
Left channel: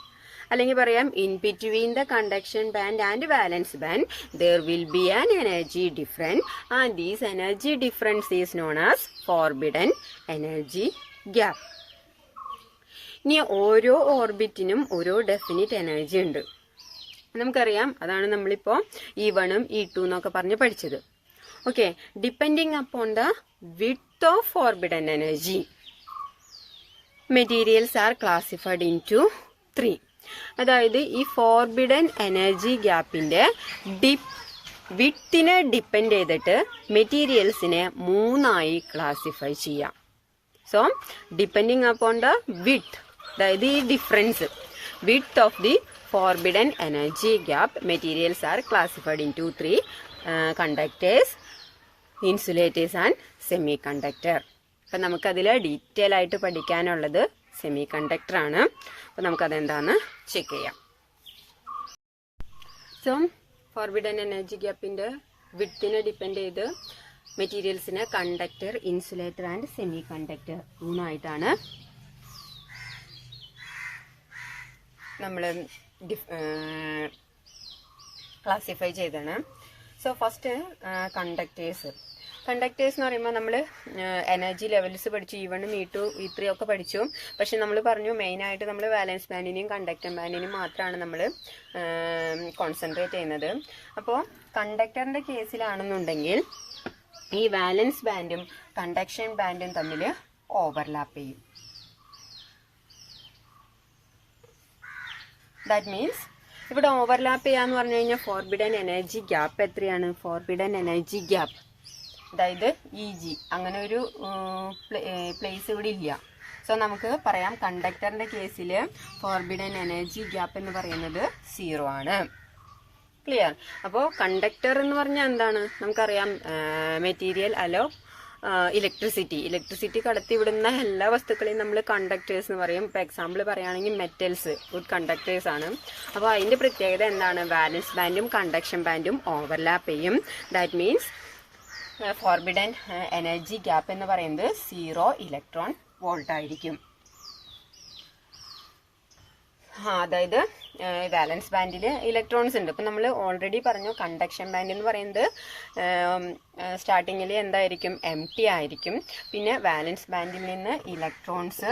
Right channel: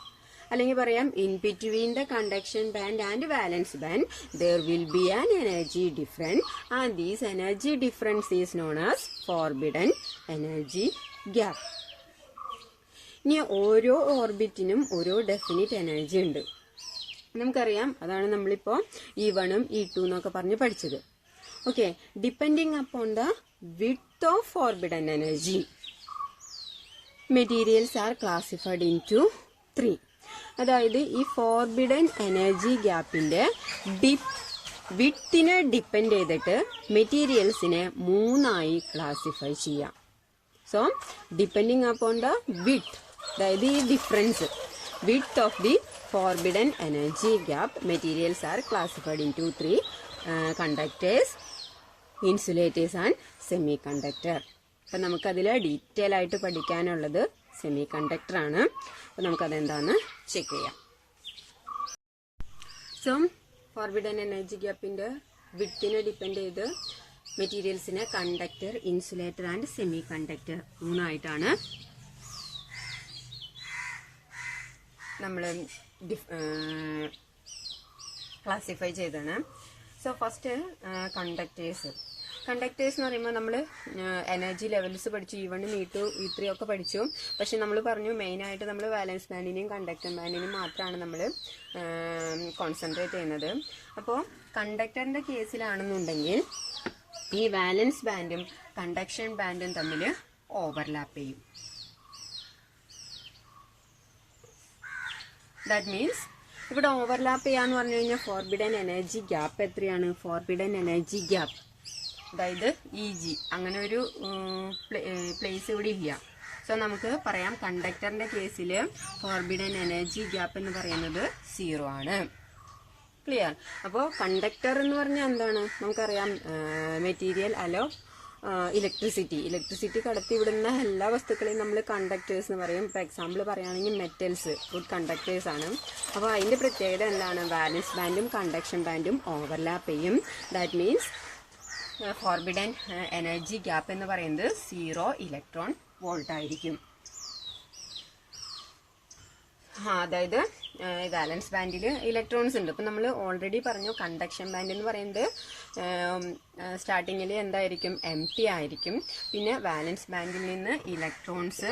അല്ലെങ്കിൽ പറയാം, in between the conduction band and വാലൻസ് band there will be an energy difference and these energy difference is known as forbidden energy gap. ഇനി ഓരോ ഓർബിറ്റിനും ഓരോ definite energy ഉണ്ട്, നമുക്കറിയാം. അതാണ് നമ്മളിപ്പോൾ E1 E2 എന്നൊക്കെ പറഞ്ഞ് പഠിച്ചത്. Okay, depending upon the width of forbidden energy materials are classified into 3. അതായത് ഈ ഫോർബിഡൻ എനർജി ഗ്യാപ്പിന്റെ വിഡ്ത്തിനെ ഡിപ്പെൻഡ് ചെയ്തിട്ട് മെറ്റീരിയൽസിനെ 3ആയി ക്ലാസിഫൈ ചെയ്യാം. So depending upon the width, അതായത് ഈ difference width of the forbidden energy gap, materials are classified into 3: conductors, insulators and semiconductor. അപ്പം നമുക്കതിൽ ഡീറ്റെയിൽ ആയിട്ട് പഠിക്കാനുള്ളത് സെമി കണ്ടക്ടർ ആണ്. അപ്പം നമുക്കതെന്താണെന്ന് ചെക്ക് ചെയ്യാം. സോ ഫോർബിഡൻ എനർജി ഗ്യാപ്പിന്റെ വിഡ്ത്തിനെ ഡിപ്പെൻഡ് ചെയ്ത് മെറ്റീരിയൽസിനെ conductor, insulator and semiconductor 3ആയിട്ടാണ് നമ്മൾ ക്ലാസിഫൈ ചെയ്താണ്. സോ ഫസ്റ്റ് കണ്ടക്ടേഴ്സ് എന്ന് പറയുമ്പോൾ നമ്മൾ എനർജി ലെവൽസ് പഠിച്ചു. E1 E2 E3 ഒക്കെ പഠിച്ചു. പക്ഷെ നമ്മൾ പറഞ്ഞു മെയിനായിട്ട് നമ്മൾ വാലൻസ് ബാൻഡിനെയും കണ്ടക്ടർ ബാൻഡിനെയും മാത്രമാണ് നമ്മൾ കോൺസെൻട്രേറ്റ് ചെയ്യുന്നത്. അപ്പോൾ കണ്ടക്ടറിന്റെ കേസിലാണെന്നുണ്ടെങ്കിൽ ഈ വാലൻസ് ബാൻഡും കണ്ടക്ഷൻ ബാൻഡും തമ്മിൽ ഓവർലാപ്പ് ചെയ്യും. ദാറ്റ് മീൻസ് ഇവിടെ ഓവർലാപ്പ് ചെയ്യാന്ന് പറഞ്ഞു കഴിഞ്ഞാൽ ഫോർബിഡൻ എനർജി ഗ്യാപ്പ് എത്രയാണ്? ഫോർബിഡൻ എനർജി ഗ്യാപ്പ്, അതായത് EG, അങ്ങനെ ഒരു പ്ലേസ് ഇവിടെ ഇല്ല. സോ നമുക്ക് പറയാം കണ്ടക്ടറിന്റെ കേസിൽ ഫോർബിഡൻ എനർജി ഗ്യാപ്പ് എന്ന് പറയുന്നത് 0 ആണ്. ക്ലിയർ? അപ്പോൾ കണ്ടക്ടർ എന്ന് പറഞ്ഞാൽ എന്താണ്? നമുക്കറിയാം മെറ്റീരിയൽ അലോ ഇലക്ട്രിസിറ്റി കടത്തിവിടുന്ന എല്ലാ വസ്തുക്കളെയും നമ്മൾ കണ്ടക്ടേഴ്സ് എന്ന് പറയും. ഇപ്പോൾ എക്സാമ്പിൾ പറയുകയാണെങ്കിൽ മെറ്റൽസ് ഗുഡ് കണ്ടക്ടേഴ്സ് ആണ്. അപ്പോൾ അതിന്റെ പ്രത്യേകത എന്താണ്? വാലൻസ് ബാൻഡും കണ്ടക്ഷൻ ബാൻഡും ഓവർലാപ്പ് ചെയ്യും. That means forbidden energy gap എന്ന് പറയുന്നത് 0 ഇലക്ട്രോൺ വോൾട്ട് ആയിരിക്കും. അതായത് വാലൻസ് ബാൻഡിൽ ഇലക്ട്രോൺസ് ഉണ്ട്. ഇപ്പം നമ്മൾ ഓൾറെഡി പറഞ്ഞു കണ്ടക്ഷൻ ബാൻഡ് എന്ന് പറയുന്നത് സ്റ്റാർട്ടിങ്ങിൽ എന്തായിരിക്കും? എംപ്റ്റി ആയിരിക്കും. പിന്നെ വാലൻസ് ബാൻഡിൽ നിന്ന് ഇലക്ട്രോൺസ്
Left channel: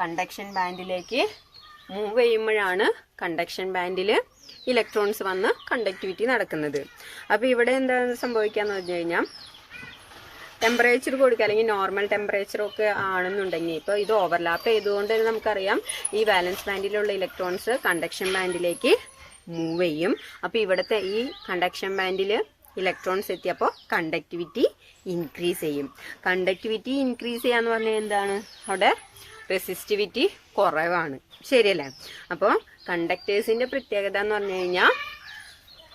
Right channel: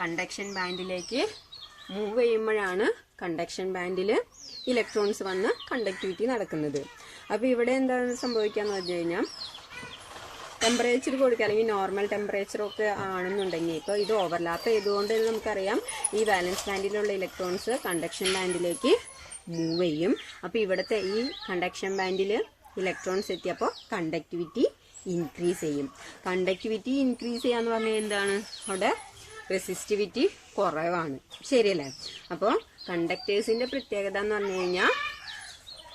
കണ്ടക്ഷൻ ബാൻഡിലേക്ക് മൂവ് ചെയ്യുമ്പോഴാണ് കണ്ടക്ഷൻ ബാൻഡിൽ ഇലക്ട്രോൺസ് വന്ന് കണ്ടക്ടിവിറ്റി നടക്കുന്നത്. അപ്പോൾ ഇവിടെ എന്താണ് സംഭവിക്കാന്ന് പറഞ്ഞു കഴിഞ്ഞാൽ ടെമ്പറേച്ചർ കൊടുക്കുക, അല്ലെങ്കിൽ നോർമൽ ടെമ്പറേച്ചർ ഒക്കെ ആണെന്നുണ്ടെങ്കിൽ ഇപ്പോൾ ഇത് ഓവർലാപ്പ് ചെയ്തുകൊണ്ട് നമുക്കറിയാം ഈ വാലൻസ് ബാൻഡിലുള്ള ഇലക്ട്രോൺസ് കണ്ടക്ഷൻ ബാൻഡിലേക്ക് മൂവ് ചെയ്യും. അപ്പോൾ ഇവിടുത്തെ ഈ കണ്ടക്ഷൻ ബാൻഡിൽ ഇലക്ട്രോൺസ് എത്തിയപ്പോൾ കണ്ടക്ടിവിറ്റി ഇൻക്രീസ് ചെയ്യും. കണ്ടക്ടിവിറ്റി ഇൻക്രീസ് ചെയ്യാന്ന് പറഞ്ഞാൽ എന്താണ്? അവിടെ റെസിസ്റ്റിവിറ്റി കുറവാണ്. ശരിയല്ലേ? അപ്പോൾ കണ്ടക്ടേഴ്സിന്റെ പ്രത്യേകത എന്ന് പറഞ്ഞു കഴിഞ്ഞാൽ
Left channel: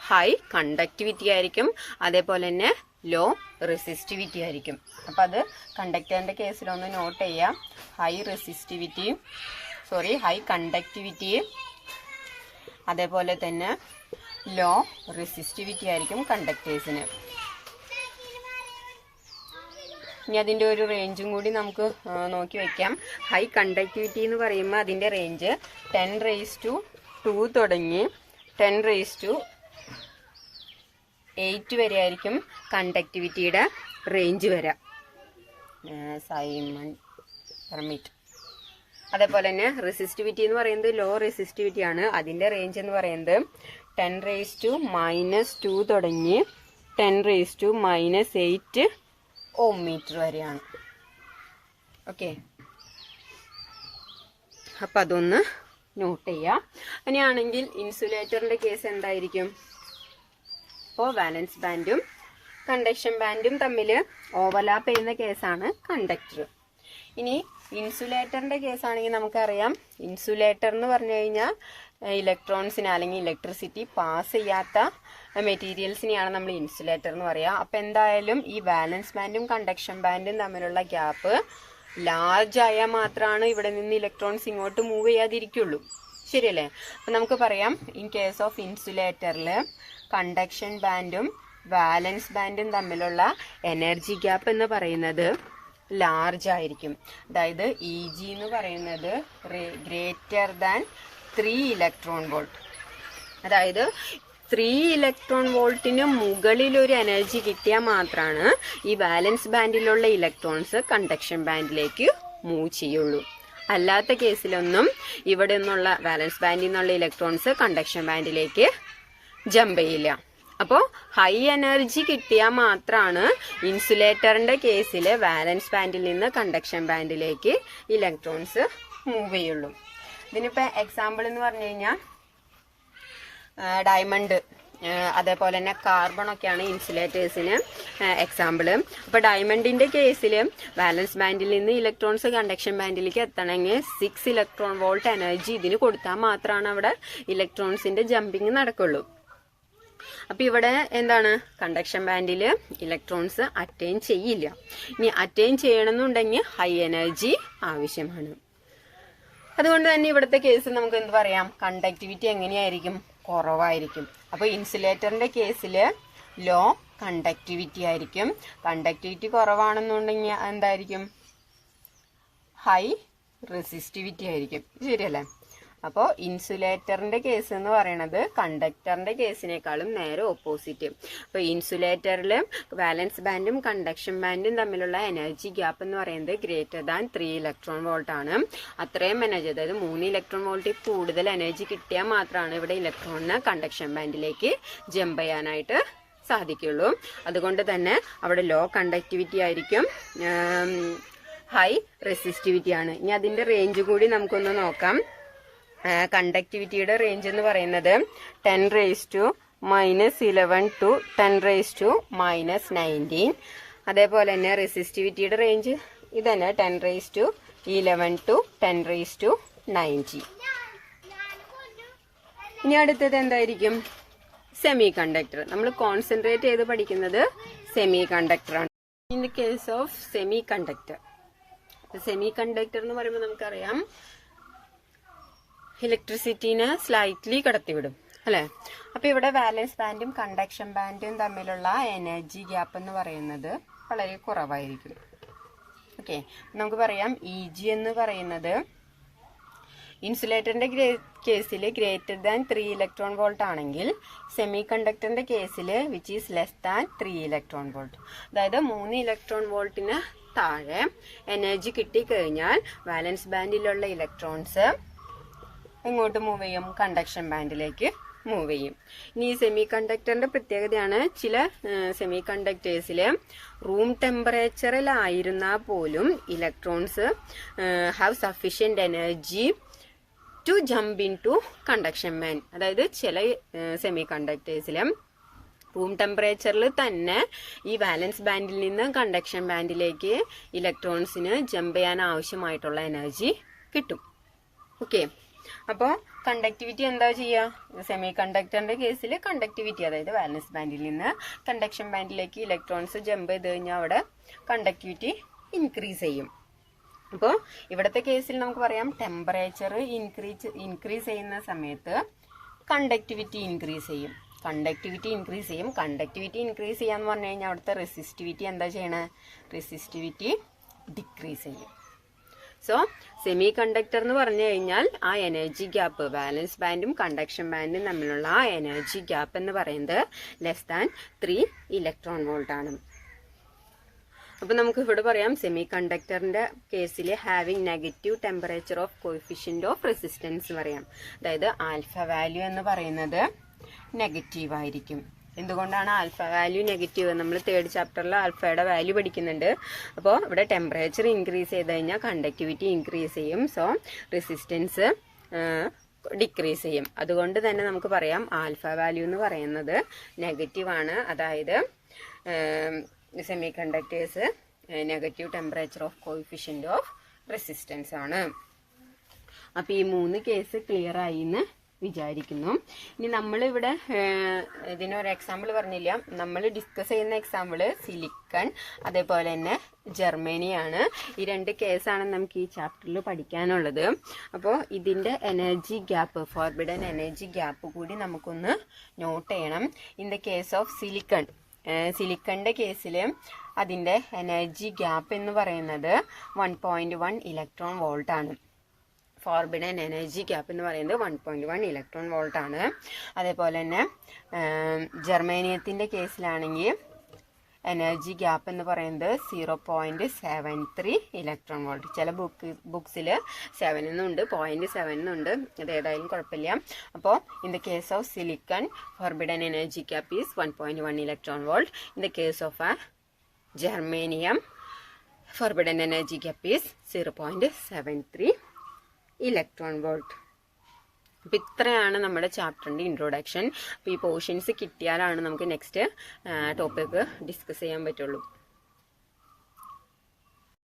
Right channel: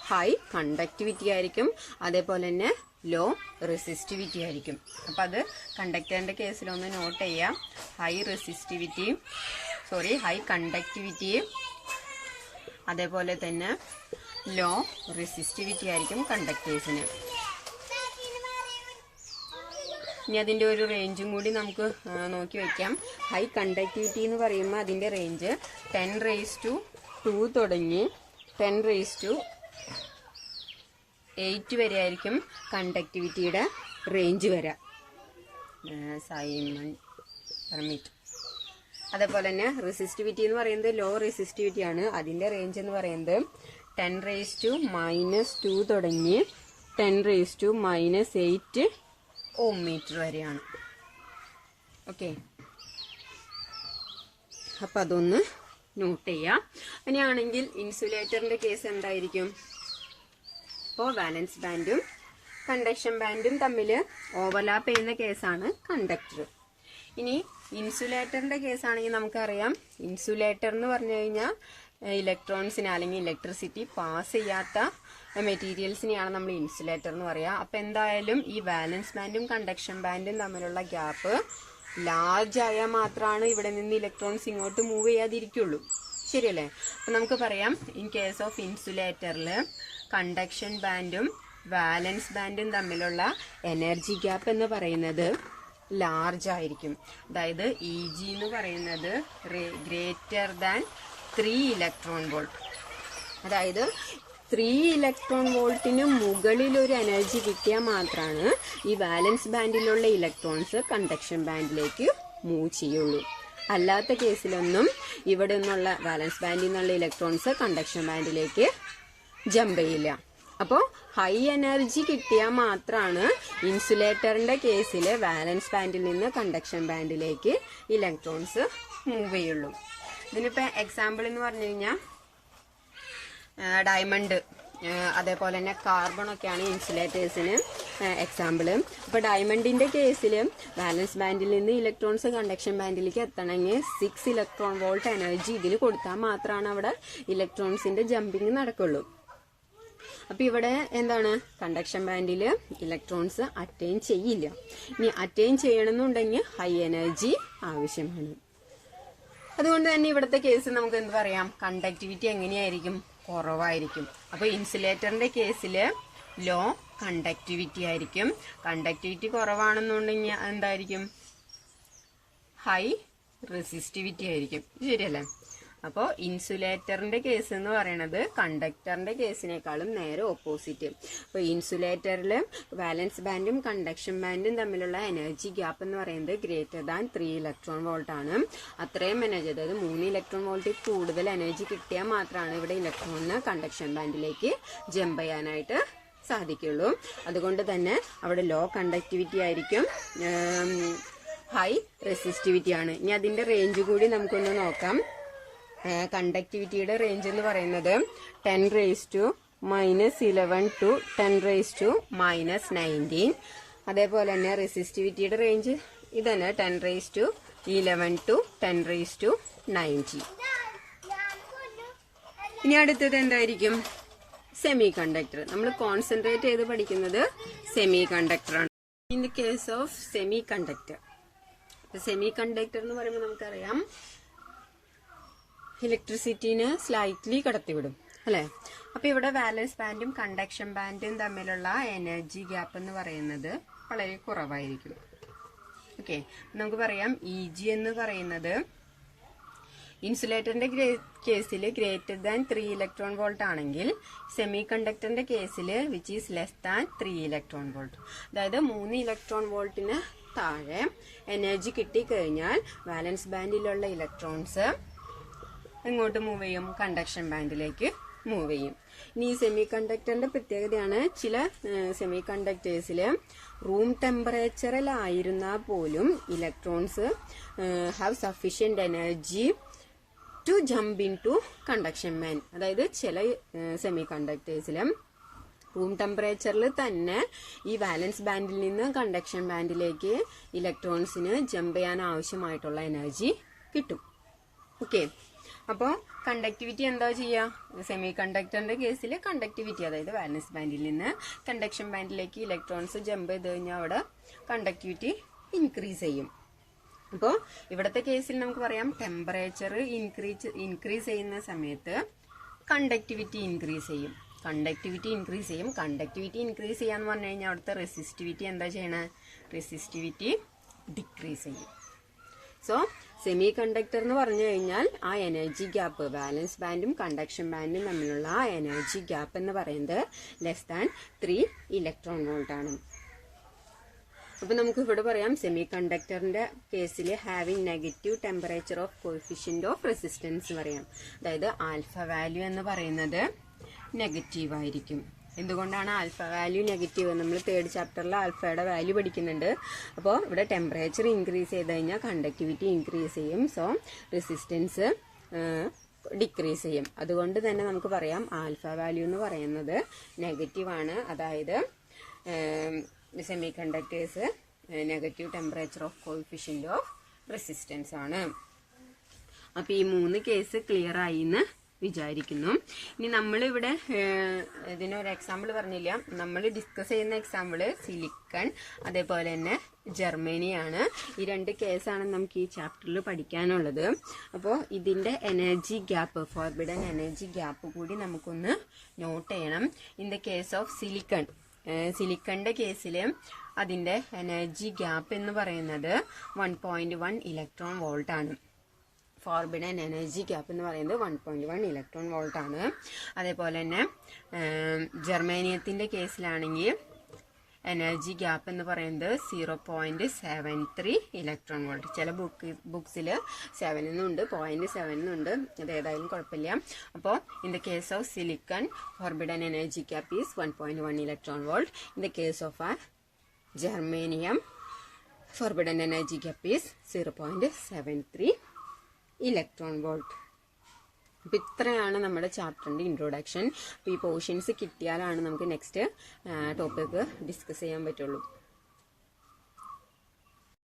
ഹൈ കണ്ടക്ടിവിറ്റി ആയിരിക്കും, അതേപോലെ തന്നെ ലോ റെസിസ്റ്റിവിറ്റി ആയിരിക്കും. അപ്പം അത് കണ്ടക്ടറിന്റെ കേസിലൊന്ന് നോട്ട് ചെയ്യാം. ഹൈ കണ്ടക്ടിവിറ്റി അതേപോലെ തന്നെ ലോ റെസിസ്റ്റിവിറ്റി ആയിരിക്കും കണ്ടക്ടേഴ്സിന്. ഇനി അതിൻ്റെ ഒരു റേഞ്ചും കൂടി നമുക്ക് നോക്കി വയ്ക്കാം. ഹൈ കണ്ടക്ടിവിറ്റി എന്ന് പറയുമ്പോൾ അതിൻ്റെ റേഞ്ച് 10⁻² തുടങ്ങി 10⁸ വരെ ആയിരിക്കും കണ്ടക്ടിവിറ്റിയുടെ റേഞ്ച് വരാം. Simon permit. അതേപോലെ തന്നെ റെസിസ്റ്റിവിറ്റി എന്ന് പറയുന്നത് ലോ റെസിസ്റ്റിവിറ്റി ആണ്. അതിൻ്റെ റേഞ്ച് എന്ന് പറയുന്നത് 10⁻² തുടങ്ങി 10⁻⁸ ഓം മീറ്റർ വരെയാണ്. ഓക്കെ, അപ്പം അതൊന്ന് നോട്ട് ചെയ്യാം. അങ്ങനെയാണെങ്കിൽ ഇൻസുലേറ്ററിന്റെ കേസ് എന്തായിരിക്കും? അപ്പോൾ വാലൻസ് ബാൻഡും കണ്ടക്ഷൻ ബാൻഡും തമ്മിൽ ഓവർലാപ്പ് ചെയ്യുന്ന കേസാണ് കണ്ടക്ടർ. ഇനി ഇൻസുലേറ്ററിന്റെ കേസാണെങ്കിൽ നമുക്കറിയാം, ഇൻസുലേറ്റർ എന്ന് പറഞ്ഞു കഴിഞ്ഞാൽ ഇലക്ട്രോൺസിനെ അല്ലെങ്കിൽ ഇലക്ട്രിസിറ്റി പാസ് ചെയ്യാത്ത മെറ്റീരിയൽസിനെയാണ് നമ്മൾ ഇൻസുലേറ്റർ എന്ന് പറയുക. അപ്പം എന്തായാലും ഈ വാലൻസ് ബാൻഡും കണ്ടക്ഷൻ ബാൻഡും തമ്മിലുള്ള ഗ്യാപ്പ് ലാർജ് ആയാൽ മാത്രമാണ് ഇവിടെ നിന്ന് ഇലക്ട്രോൺസ് ഇങ്ങോട്ട് മൂവ് ചെയ്യാതിരിക്കുള്ളൂ. ശരിയല്ലേ? അപ്പം നമുക്ക് പറയാം, ഇൻ കേസ് ഓഫ് ഇൻസുലേറ്ററിൽ കണ്ടക്ഷൻ ബാൻഡും വാലൻസ് ബാൻഡും തമ്മിലുള്ള എനർജി ഗ്യാപ്പ് എന്ന് പറയുന്നത് ലാർജ് ആയിരിക്കും. അതായത് EG എന്ന് പറയുന്നത് ഗ്രേറ്റർ ദാൻ 3 ഇലക്ട്രോൺ വോൾട്ട്. അതായത് 3 ഇലക്ട്രോൺ വോൾട്ടിന് മുകളിൽ ഒരു എനർജി കിട്ടിയാൽ മാത്രമാണ് ഈ വാലൻസ് ബാൻഡിലുള്ള ഇലക്ട്രോൺസ് കണ്ടക്ഷൻ ബാൻഡിലേക്ക് മൂവ് ചെയ്യുള്ളൂ. അല്ലാത്ത കേസിലൊന്നും ഇവിടെ നിന്നുള്ള വാലൻസ് ബാൻഡിൽ നിന്നുള്ള ഇലക്ട്രോൺസ് കണ്ടക്ഷൻ ബാൻഡിലേക്ക് ജമ്പ് ചെയ്യില്ല. അപ്പോൾ ഹൈ എനർജി കിട്ടിയാൽ മാത്രമാണ് ഇൻസുലേറ്ററിന്റെ കേസിൽ വാലൻസ് ബാൻഡിൽ നിന്ന് കണ്ടക്ഷൻ ബാൻഡിലേക്ക് ഇലക്ട്രോൺസ് മൂവ് ചെയ്യുള്ളൂ. ഇതിനിപ്പോൾ എക്സാമ്പിൾ എന്ന് പറഞ്ഞു കഴിഞ്ഞാൽ ഡയമണ്ട്, അതേപോലെ തന്നെ കാർബൺ ഒക്കെയാണ് ഇൻസുലേറ്റേഴ്സിന് എക്സാമ്പിൾ. അപ്പോൾ ഡയമണ്ടിന്റെ കേസിൽ വാലൻസ് ബാൻഡിൽ നിന്ന് ഇലക്ട്രോൺസ് കണ്ടക്ഷൻ ബാൻഡിലേക്ക് എത്തണമെങ്കിൽ 6 ഇലക്ട്രോൺ വോൾട്ട് എനർജി ഇതിന് കൊടുത്താൽ മാത്രമാണ് അവിടെ ഇലക്ട്രോൺസിന്റെ ജമ്പിങ് നടക്കുള്ളൂ. അപ്പൊ ഇവിടെ എന്താണ്, കണ്ടക്ഷൻ ബാൻഡിൽ ഇലക്ട്രോൺസ് അറ്റൈൻ ചെയ്യില്ല. ഇനി അറ്റൈൻ ചെയ്യണമെന്നുണ്ടെങ്കിൽ ഹൈ എനർജി ആവശ്യമാണ്. അതുകൊണ്ട് തന്നെ ഇവിടുത്തെ കേസ് നമുക്ക് എന്ത് പറയാം, കണ്ടക്ടിവിറ്റി എങ്ങനെയായിരിക്കും, കുറവായിരിക്കും. അപ്പൊ ഇൻസുലേറ്ററിന്റെ കേസിൽ ലോ കണ്ടക്ടിവിറ്റി ആയിരിക്കും. കണ്ടക്ടിവിറ്റി കുറവാണെന്നുണ്ടെങ്കിൽ എന്തായിരിക്കും, ഹൈ റെസിസ്റ്റിവിറ്റി ആയിരിക്കും. ശരിയല്ലേ? അപ്പോൾ ഇൻസുലേറ്ററിന്റെ കേസ് എന്ന് പറയുന്നത് കണ്ടക്ടറിന്റെ കേസിനേക്കാളും നേരെ ഓപ്പോസിറ്റ്. അപ്പോൾ ഇൻസുലേറ്ററിൽ വാലൻസ് ബാൻഡും കണ്ടക്ഷൻ ബാൻഡും തമ്മിലുള്ള എനർജി ഗ്യാപ്പ് എന്ന് പറയുന്നത് ഗ്രേറ്റർ ദാൻ 3 ഇലക്ട്രോൺ വോൾട്ട് ആണ്. അത്രയും എനർജി, അതായത് 3 ഇലക്ട്രോൺ വോൾട്ടിൽ കൂടുതൽ എനർജി കിട്ടിയാൽ മാത്രമാണ് ഇവിടെ ഇലക്ട്രോണിന് കണ്ടക്ഷൻ ബാൻഡിലേക്ക് ജമ്പ് ചെയ്യാനായിട്ട് സാധിക്കുള്ളൂ. അതുകൊണ്ട് തന്നെ അവിടെ ലോ കണ്ടക്ടിവിറ്റി ആയിരിക്കും, ഹൈ റെസിസ്റ്റിവിറ്റി ആണ്. ഇനി അതിന്റെ റേഞ്ച് കൂടി നമുക്കൊന്ന് നോക്കാം. കണ്ടക്ടിവിറ്റിയുടെ റേഞ്ച് എന്ന് പറയുന്നത് 10⁻⁻11 to 10⁻⁻19. അതേപോലെ തന്നെ റെസിസ്റ്റിവിറ്റിയുടെ റേഞ്ച് ഇത് തന്നെ 10⁻11 to 10⁻90. ഇനി അടുത്തത് എന്തായിരിക്കും, സെമി കണ്ടക്ടർ. നമ്മൾ കോൺസെൻട്രേറ്റ് ചെയ്ത് പഠിക്കുന്നത് സെമി കണ്ടക്ടറാണ്. In the case of semiconductor, semiconductor എന്ന് പറയുമ്പോൾ നമുക്കറിയാം ഇലക്ട്രിസിറ്റിനെ സ്ലൈറ്റ്ലി കടത്തിവിടും, അല്ലെ? അപ്പൊ ഇവിടെ വാലൻസ് ബാൻഡും കണ്ടക്ഷൻ ബാൻഡും തമ്മിലുള്ള എനർജി ഗ്യാപ്പ് എന്ന് പറയുന്നത് വളരെ കുറവായിരിക്കും. ഓക്കെ, നമുക്ക് പറയാം EG എന്ന് പറയുന്നത് ഇൻസുലേറ്ററിന്റെ കേസിൽ ഗ്രേറ്റർ ദാൻ 3 ഇലക്ട്രോൺ വോൾട്ട് ആണെങ്കിൽ സെമി കണ്ടക്ടറിന്റെ കേസിൽ which is less than 3 electron volt. അതായത് 3 ഇലക്ട്രോൺ വോൾട്ടിന് താഴെ എനർജി കിട്ടിക്കഴിഞ്ഞാൽ വാലൻസ് ബാൻഡിലുള്ള ഇലക്ട്രോൺസ് എങ്ങോട്ട് മൂവ് ചെയ്യും, കണ്ടക്ഷൻ ബാൻഡിലേക്ക് മൂവ് ചെയ്യും. ഇനി സെമി കണ്ടക്ടറിന്റെ പ്രത്യേകതയാണ്, ചില സെമി കണ്ടക്ടേഴ്സിൽ റൂം ടെമ്പറേച്ചറിലായിരുന്നാൽ പോലും electrons have sufficient energy to jump into conduction band. അതായത് ചില സെമി കണ്ടക്ടേഴ്സിൽ റൂം ടെമ്പറേച്ചറിൽ തന്നെ ഈ വാലൻസ് ബാൻഡിൽ നിന്ന് കണ്ടക്ഷൻ ബാൻഡിലേക്ക് ഇലക്ട്രോൺസിന് ജമ്പ് ചെയ്യാൻ ആവശ്യമായിട്ടുള്ള എനർജി കിട്ടും. ഓക്കെ, അപ്പോൾ കണ്ടക്ടിവിറ്റി എന്താ ചെയ്യുക, സെമി കണ്ടക്ടറിന്റെ കേസിൽ കണ്ടക്ടിവിറ്റി, അതായത് വാലൻസ് ബാൻഡിൽ നിന്ന് കണ്ടക്ഷൻ ബാൻഡിലേക്ക് ഇലക്ട്രോൺസ് ജമ്പ് ചെയ്ത് കഴിഞ്ഞാൽ അവിടെ കണ്ടക്ടിവിറ്റി ഇൻക്രീസ് ചെയ്യും. അപ്പോൾ ഇവിടുത്തെ കേസിൽ നമുക്ക് പറയാം ടെമ്പറേച്ചർ ഇൻക്രീസ് ചെയ്യുന്ന സമയത്ത് കണ്ടക്ടിവിറ്റി ഇൻക്രീസ് ചെയ്യും. കണ്ടക്ടിവിറ്റി ഇൻക്രീസ് ചെയ്യാന്ന് പറഞ്ഞു കഴിഞ്ഞാൽ അവിടുത്തെ റെസിസ്റ്റിവിറ്റി എന്താ ചെയ്യണേ, റെസിസ്റ്റിവിറ്റി ഡിക്രീസ് ചെയ്യും. സോ സെമി കണ്ടക്ടർ എന്ന് പറഞ്ഞു കഴിഞ്ഞാൽ ആ എനർജി ഗ്യാപ്പ്, വാലൻസ് ബാൻഡും കണ്ടക്ഷൻ ബാൻഡും തമ്മിലുള്ള ആ എനർജി ഗ്യാപ്പ് എന്ന് പറയുന്നത് ലെസ് ദാൻ 3 ഇലക്ട്രോൺ വോൾട്ട് ആണ്. അപ്പൊ നമുക്ക് ഇവിടെ പറയാം സെമി കണ്ടക്ടറിന്റെ കേസിൽ having negative temperature of coefficient of resistance പറയാം. അതായത് ആൽഫ വാല്യൂ എന്ന് പറയുന്നത് നെഗറ്റീവ് ആയിരിക്കും. എന്തുകൊണ്ടാണ് ആൽഫ വാല്യൂ നെഗറ്റീവ്? നമ്മൾ തേർഡ് ചാപ്റ്ററിൽ ആൽഫയുടെ വാല്യൂ പഠിക്കുന്നുണ്ട്. അപ്പോൾ ഇവിടെ ടെമ്പറേച്ചർ ഇൻക്രീസ് ചെയ്ത് കഴിഞ്ഞാൽ കണ്ടക്ടിവിറ്റി ഇൻക്രീസ് ചെയ്യും. സോ റെസിസ്റ്റൻസ് ഡിക്രീസ് ചെയ്യും. അതുകൊണ്ട് തന്നെ നമുക്ക് പറയാം ആൽഫ വാല്യൂ എന്ന് പറയുന്നത് നെഗറ്റീവാണ്. അതായത് semi conductors negative temperature of coefficient of resistance ആണ്. അപ്പോൾ ഈ 3 കേസ് ക്ലിയർ ആയി എന്ന് വിചാരിക്കുന്നു. ഇനി നമ്മളിവിടെ ഇതിനൊരു എക്സാമ്പിൾ പറഞ്ഞില്ല. നമ്മൾ ഡിസ്കസ് ചെയ്യുന്ന എക്സാമ്പിൾ സിലിക്കൺ അതേപോലെ തന്നെ ജർമ്മനിയാണ്. ഈ 2 കേസാണ് നമുക്ക് ഈ ചാപ്റ്ററിൽ പഠിക്കാനുള്ളത്. അപ്പോൾ ഇതിൻ്റെ energy gap, forbidden energy gap കൂടി നമുക്കൊന്ന് നോട്ട് ചെയ്യണം. In the case of silicon, സിലിക്കണിൻ്റെ കേസിൽ അതിൻ്റെ എനർജി ഗ്യാപ്പ് എന്ന് പറയുന്നത് 1.1 ഇലക്ട്രോൺ വോൾട്ട് ആണ്. ഫോർബിഡൻ എനർജി ഗ്യാപ്പ് എന്ന് പറയുന്നത് 1.1 ഇലക്ട്രോൺ വോൾട്ട് ആണ്. അതേപോലെ തന്നെ ജർമ്മേനിയത്തിൻ്റെ കേസിലാണെങ്കിൽ എനർജി ഗ്യാപ്പ് എന്ന് പറയുന്നത് 0.73 ഇലക്ട്രോൺ വോൾട്ട്. ചില ബുക്സിൽ 7 എന്നുണ്ട്, 0.7 എന്നുണ്ട്. അത് ഏതായാലും കുഴപ്പമില്ല. അപ്പോൾ in the case of silicon forbidden energy gap is 1.1 electron volt. In the case of germanium forbidden energy gap is 0.73 electron volt. അപ്പോൾ ഇത്രയാണ് നമ്മുടെ ചാപ്റ്ററിൻ്റെ ഇൻട്രൊഡക്ഷൻ. അപ്പോൾ ഈ പോർഷൻസ് കിട്ടിയാലാണ് നമുക്ക് നെക്സ്റ്റ് ടോപ്പിക്ക് ഡിസ്കസ് ചെയ്യാൻ പറ്റുള്ളൂ.